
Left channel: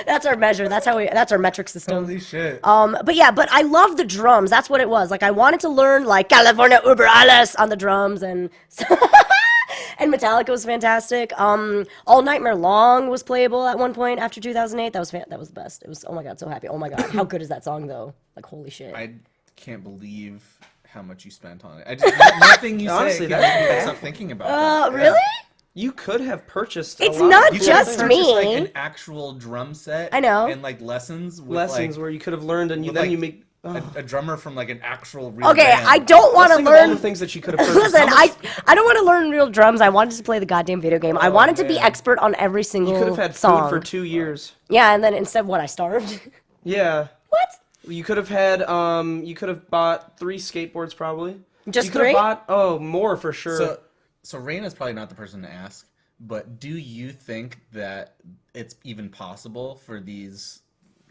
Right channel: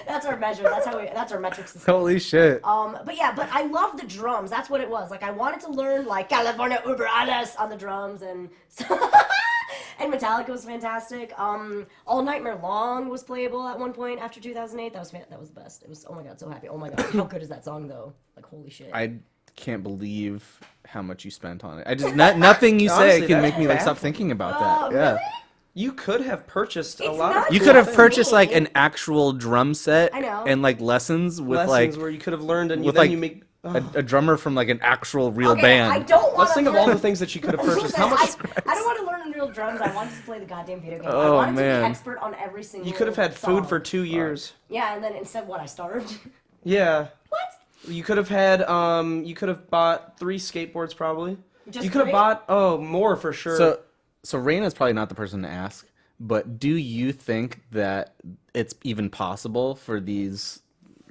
That's our measure. That's our metric system. Holy shit. But yeah, but I love the drums. That's what it was. Like I wanted to learn like California Uber Alles on the drums and and Metallica was fantastic. All Nightmare Long was playable at one point after 2008. That was the best. It was, oh my god, so happy. Oh my god, how good is that song though? Like holy shit. I can't believe how much you spent on it. I just nothing you say Honestly, can that's make me baffling. stop thinking about that. Yeah. Really? You could have purchased It's a lot not of You cool could have Just things. purchased like me. an actual drum set. I know. And like lessons with lessons like where you could have learned and you, with, then like, you make... a drummer from like an actual real Okay, band. I don't want Let's to think of all learn. the things that you could have purchased. Listen, How much... I don't want to learn real drums. I wanted to play the goddamn video game. I Oh, wanted to be man. expert on every single You could have had song. food for 2 years. Yeah, and then instead, what, I starved? Yeah. What? You could have had you could have bought 3 skateboards probably. Just you could 3? have bought more for sure. So Reina's probably not the person to ask, but do you think that it's even possible for these,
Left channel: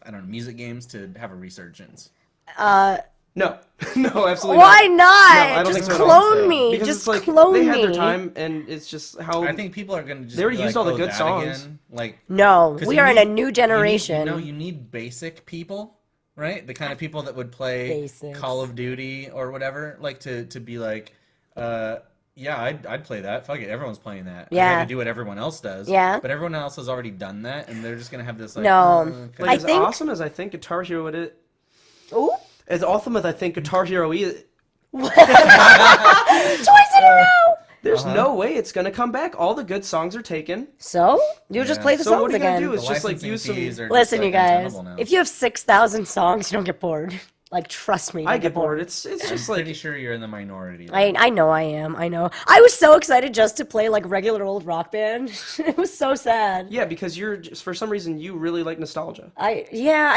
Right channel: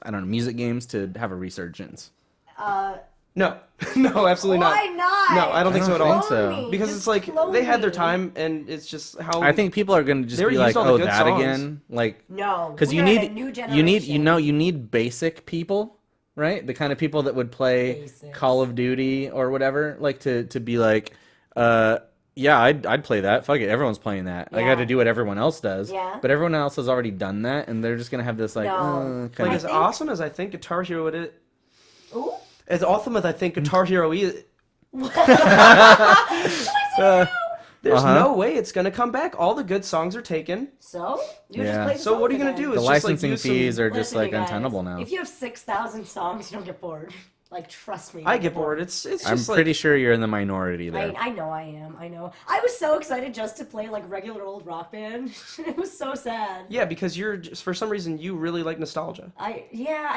I don't know, music games to have a resurgence? No, no, absolutely Why not. not? No, I don't think so at Clone all. So. me. Because Just it's like clone they had their me. time, and it's just how I think people are going to just They already be used like, all the oh, good that songs. again? Like, No, 'cause we you are in need- a new generation. You need basic people, right? The kind of people that would play Basics. Call of Duty or whatever, like to be like, yeah, I'd play that. Fuck it, everyone's playing that. I Yeah. have to do what everyone else does. Yeah. But everyone else has already done that, and they're just gonna have this like. No. like I as think- awesome as I think Guitar Hero it is. Ooh. As awesome as I think Guitar Hero is, Twice in a row. there's no way it's gonna come back. All the good songs are taken. So you just Yeah. play the So songs what are you gonna again. do? The It's just like licensing use some. fees are Listen, just you like guys. untenable now. If you have 6,000 songs, you don't get bored. Like, trust me. you I don't get bored. It's I'm just like pretty sure you're in the minority. There. I know I am. I know. I was so excited just to play like regular old Rock Band. It was so sad. yeah, because you're just, for some reason you really like nostalgia. I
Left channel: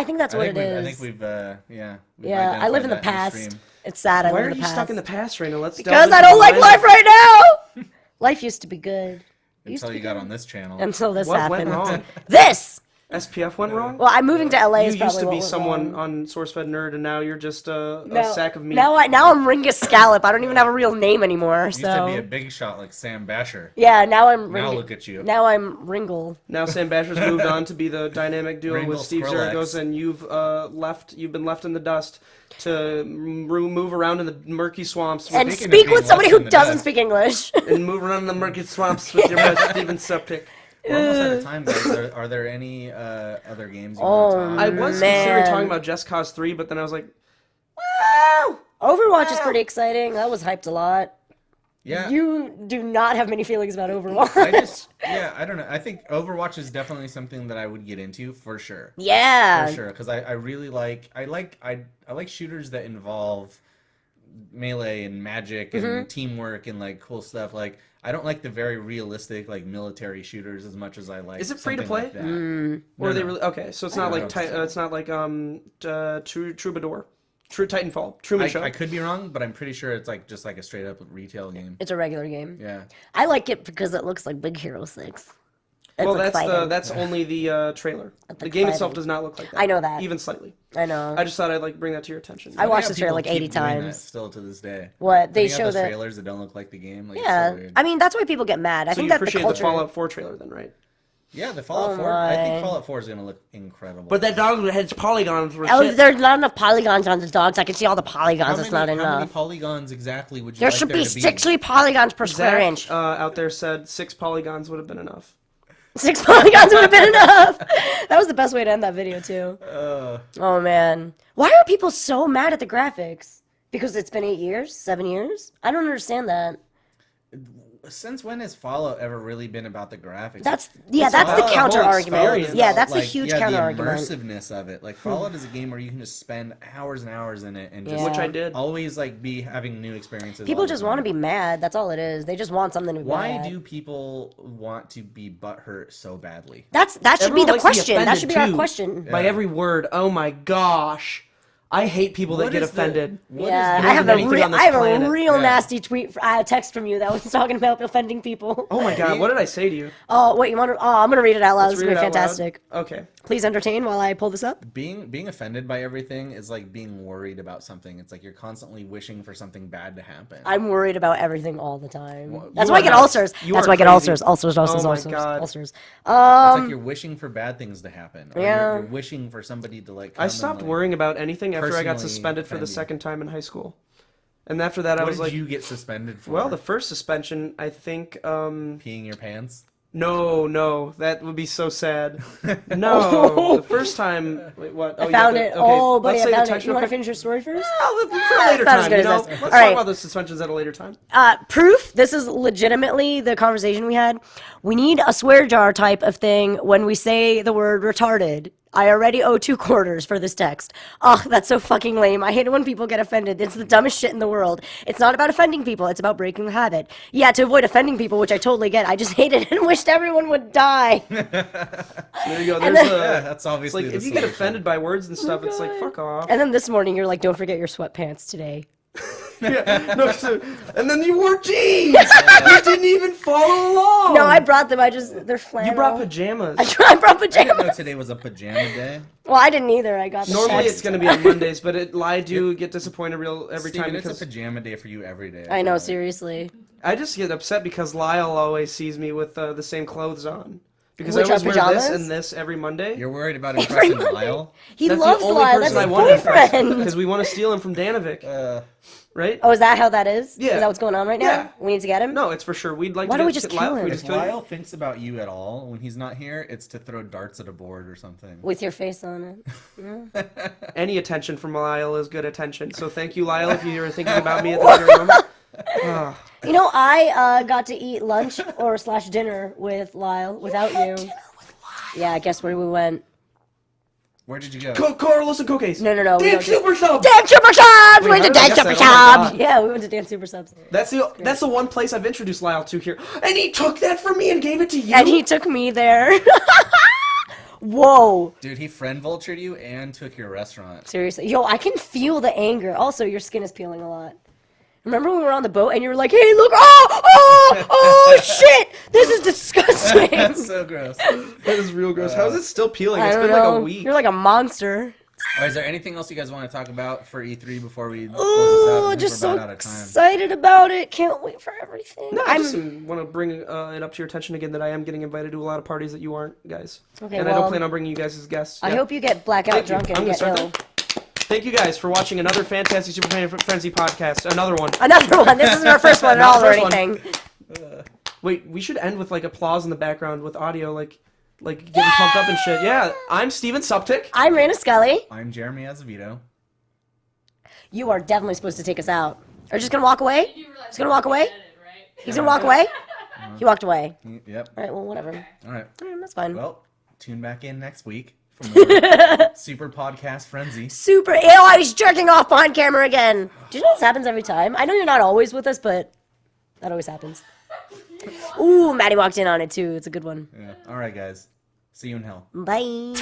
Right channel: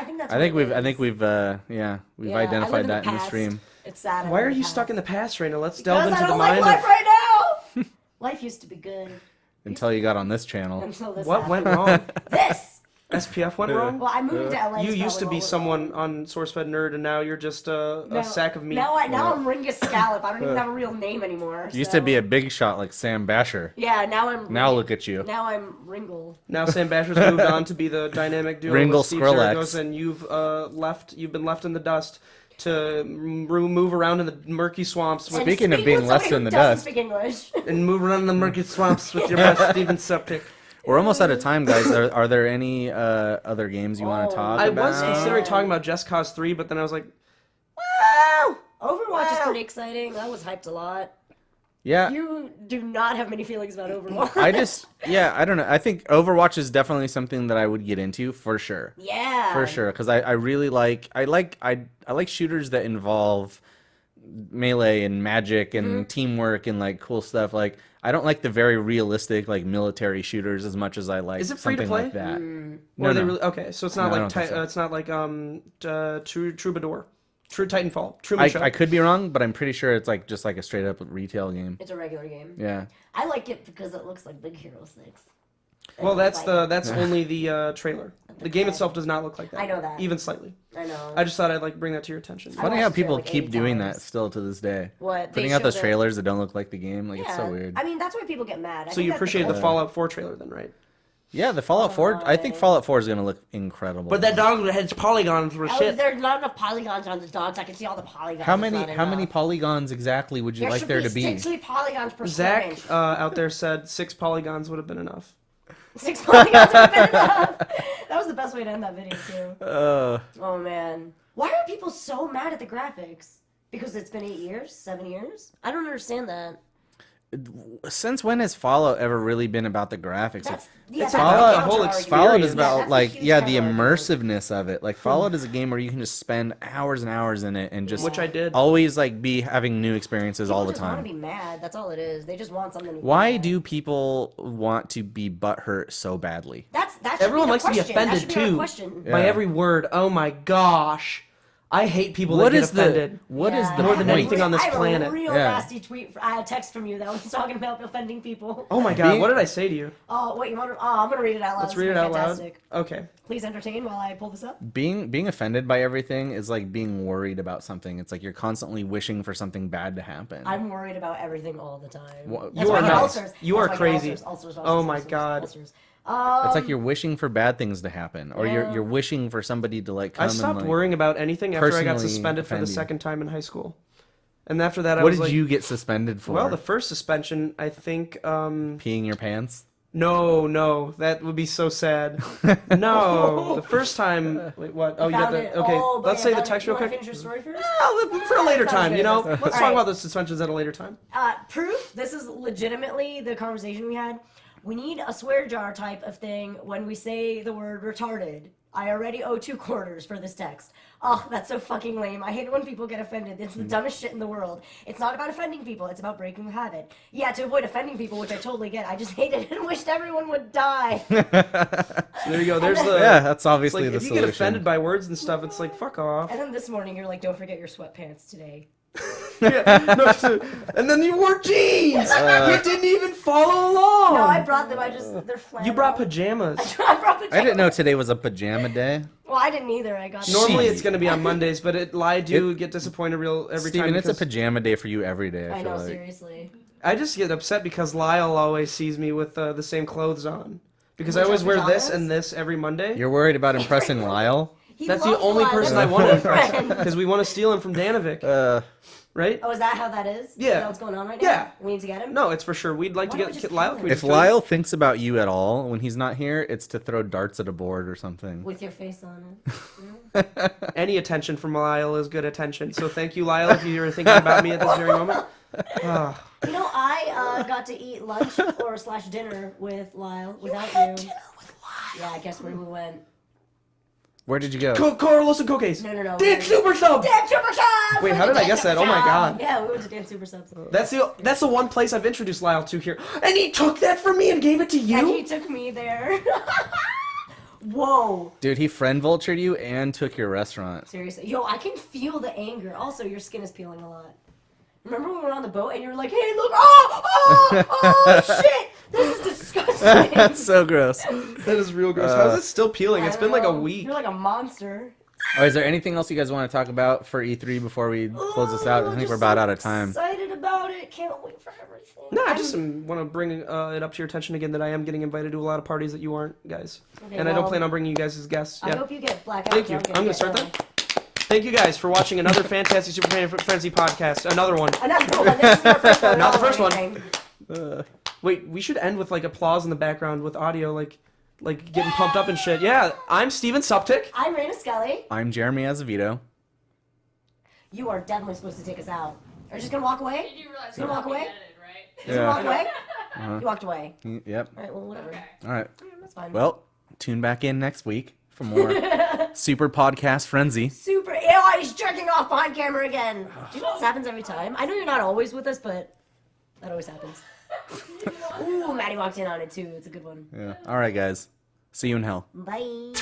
think that's I what think it we've is. I think we've Yeah, identified I live in the that past. stream. It's sad. I Why live are in you the stuck in the past. past, Reina? Let's delve Because into I the don't like mind life of- right now. Life used to be good Until you got on this channel. until this What happened. went wrong? This. SPF went wrong. Well, I'm moving to LA. You is used to probably be what went someone wrong. on SourceFed Nerd, and now you're just a sack of meat. Now I'm Ringa Scallop. I don't even have a real name anymore. You used to be a big shot like Sam Basher. Yeah, now I'm. Now Ringa- look at you. Now I'm Ringle. Now Sam Basher's moved on to be the dynamic duo Ringle with Steve Skrillex. Zeragos, and you've been left in the dust to move around in the murky swamps with, And Speaking of speak being with somebody left who in the doesn't dust. speak English. and move around in the murky swamps with your boy Steven Suptic. We're almost out of time, guys. Are there any other games you want to talk I about? was Man. considering talking about Just Cause 3, but then I was like, Overwatch is pretty exciting. That was hyped a lot. Yeah. You do not have many feelings about Overwatch. I don't know. I think Overwatch is definitely something that I would get into for sure. Yeah. For sure, because I really like shooters that involve melee and magic and Mm-hmm. teamwork and like cool stuff. Like I don't like the very realistic like military shooters as much as I like. Is it free to something like play? that. or are they no. really okay? So it's not No, I like don't think so. it's not like Troubadour, True Titanfall, Truman Show. I could be wrong, but I'm pretty sure it's like just like a straight up retail game. It's a regular game. Yeah. I like it because it looks like Big Hero 6. Well, It's exciting. that's only the trailer. The game itself exciting. does not look like that. I know that. even slightly. I know. I just thought I'd like bring that to your attention. I Funny watched how the trailer people like 80 keep doing that times. still to this day. What they Putting out show those that. trailers that don't look like the game. Like, Yeah. it's so weird. I mean, that's why people get mad. I So think you that appreciate the culture- Fallout 4 trailer then, right? Yeah, the Fallout Oh 4. I think my. Fallout 4 is gonna look incredible. But that dog head's polygons were Oh, shit. there's not enough polygons on the dogs. I can see all the polygons. how It's many, not how enough. many polygons exactly would you There like should there be to be? 60 polygons per square Zach inch. out there said 6 polygons would have been enough. 6 polygons would have been enough. That was the best way to end that video too. Oh man, why are people so mad at the graphics? Because it's been 8 years, 7 years. I don't understand that. Since when has Fallout ever really been about the graphics? That's It's that's the about the whole counter argument. experience. Yeah, that's like, a huge yeah, counter the argument. immersiveness of it. Like Fallout is a game where you can just spend hours and hours in it and just Which I did. always like be having new experiences all People the just time. want to be mad. That's all it is. They just want something to be Why mad. do people want to be butthurt so badly? that should Everyone be the likes to be question. That offended should be our too question. by every word. Oh my gosh, I hate people that What get is the- offended. What is Yeah, more I than have anything on this I have planet. a real Yeah. nasty text from you that was talking about offending people. Oh my god, what did I say to you? Oh wait, you want to? Oh, I'm gonna read it out loud. Let's It's read it gonna out be fantastic. loud. Okay. Please entertain while I pull this up. being offended by everything is like being worried about something. It's like you're constantly wishing for something bad to happen. I'm worried about everything all the time. Well, That's you why I are get nuts. ulcers. You That's are why I get crazy. ulcers. Oh my ulcers, God. ulcers. It's like you're wishing for bad things to happen, or Yeah. you're wishing for somebody to like. Come I stopped and, like, worrying about anything after I got personally suspended for the offend you. second time in high school. And after that, I What was did like, you get suspended for? well, the first suspension, I think, peeing your pants. no, that would be so sad. No, the first time, wait, what? Oh, I found you got it. the, okay, Oh, buddy, let's say the I found it. text You real want to quick. finish your story first? For a later Not as time, good you know? as this. Let's All talk right. about those suspensions at a later time. Proof. This is legitimately the conversation we had. We need a swear jar type of thing when we say the word retarded. I already owe 2 quarters for this text. Ugh, that's so fucking lame. I hate it when people get offended. It's the dumbest shit in the world. It's not about offending people. It's about breaking the habit. Yeah, to avoid offending people, which I totally get. I just hate it and wished everyone would die. There you go. There's the. Yeah, that's It's obviously like the if you get solution. offended by words and stuff, it's like fuck off. And then this morning, you're like, don't forget your sweatpants today. Yeah, no, and then you wore jeans. You didn't even follow along. No, I brought them. They're flannel. You brought pajamas. I brought pajamas. I didn't know today was a pajama day. Well, I didn't either. I got them. Normally it's gonna be on Mondays, but I do get disappointed every Steven, time it's because a pajama day for you every day. I feel know, like. seriously. I just get upset because Lyle always sees me with the same clothes on. Because I Which always are wear this pajamas? and this every Monday. You're worried about impressing Lyle? He That's the loves only Lyle. person That's I his want to impress. boyfriend. Because we want to steal him from Danovic, right? Oh, is that how that is? Yeah. Is that what's going on right now? Yeah. We need to get him? No, it's for sure. We'd like Why to don't get we just Lyle. kill Can we him? If just kill him? Lyle thinks about you at all when he's not here, it's to throw darts at a board or something. With your face on it. Any attention from Lyle is good attention. So thank you, Lyle, if you were thinking about me at this very moment. Ah. You know, I got to eat lunch or / dinner with Lyle without you. Yeah, guess where we went? Where did you go? Carlos and Cookies. No. Dan went to- Super Sub. Dan Super Subs! Wait, We went how to did I Dan guess Super that? Oh my Subs! God. Yeah, we went to Dan Super Subs. That's the one place I've introduced Lyle to here. And he took that from me and gave it to you? And he took me there. Whoa. Dude, he friend vultured you and took your restaurant. Seriously. Yo, I can feel the anger. Also, your skin is peeling a lot. Remember when we were on the boat and you were like, hey, look, oh, shit, this is disgusting. That's so gross. That is real gross. How's it still peeling? It's I been don't like a know. week. You're like a monster. All right, is there anything else you guys want to talk about for E3 before we close this out? I think just we're about so out of time. excited about it. Can't wait for everything. No, I I'm- just want to bring it up to your attention again that I am getting invited to a lot of parties that you aren't, guys. Okay, And I don't well, plan on bringing you guys as guests. I Yeah. hope you get blackout Thank you. drunk and I'm going get to start ill. that. Thank you guys for watching another fantastic Super Frenzy podcast. Another one. Another one. This is our first one. Not Not the or first one. anything. Wait, we should end with like applause in the background with audio, like getting pumped up and shit. Yeah, I'm Steven Suptic. I'm Reina Scully. I'm Jeremy Azevedo. You are definitely supposed to take us out. Are you just gonna walk away? He's gonna walk away? Edited, right? He's gonna walk away? He walked away. Yep. Alright, well, whatever. All right. That's fine. Well, tune back in next week for more Super Podcast Frenzy. Super. Ew, he's jerking off on camera again. Do you know this happens every time? I know you're not always with us, but that always happens. Ooh, Maddie walked in on it too. It's a good one. Yeah. All right, guys. See you in hell. Bye.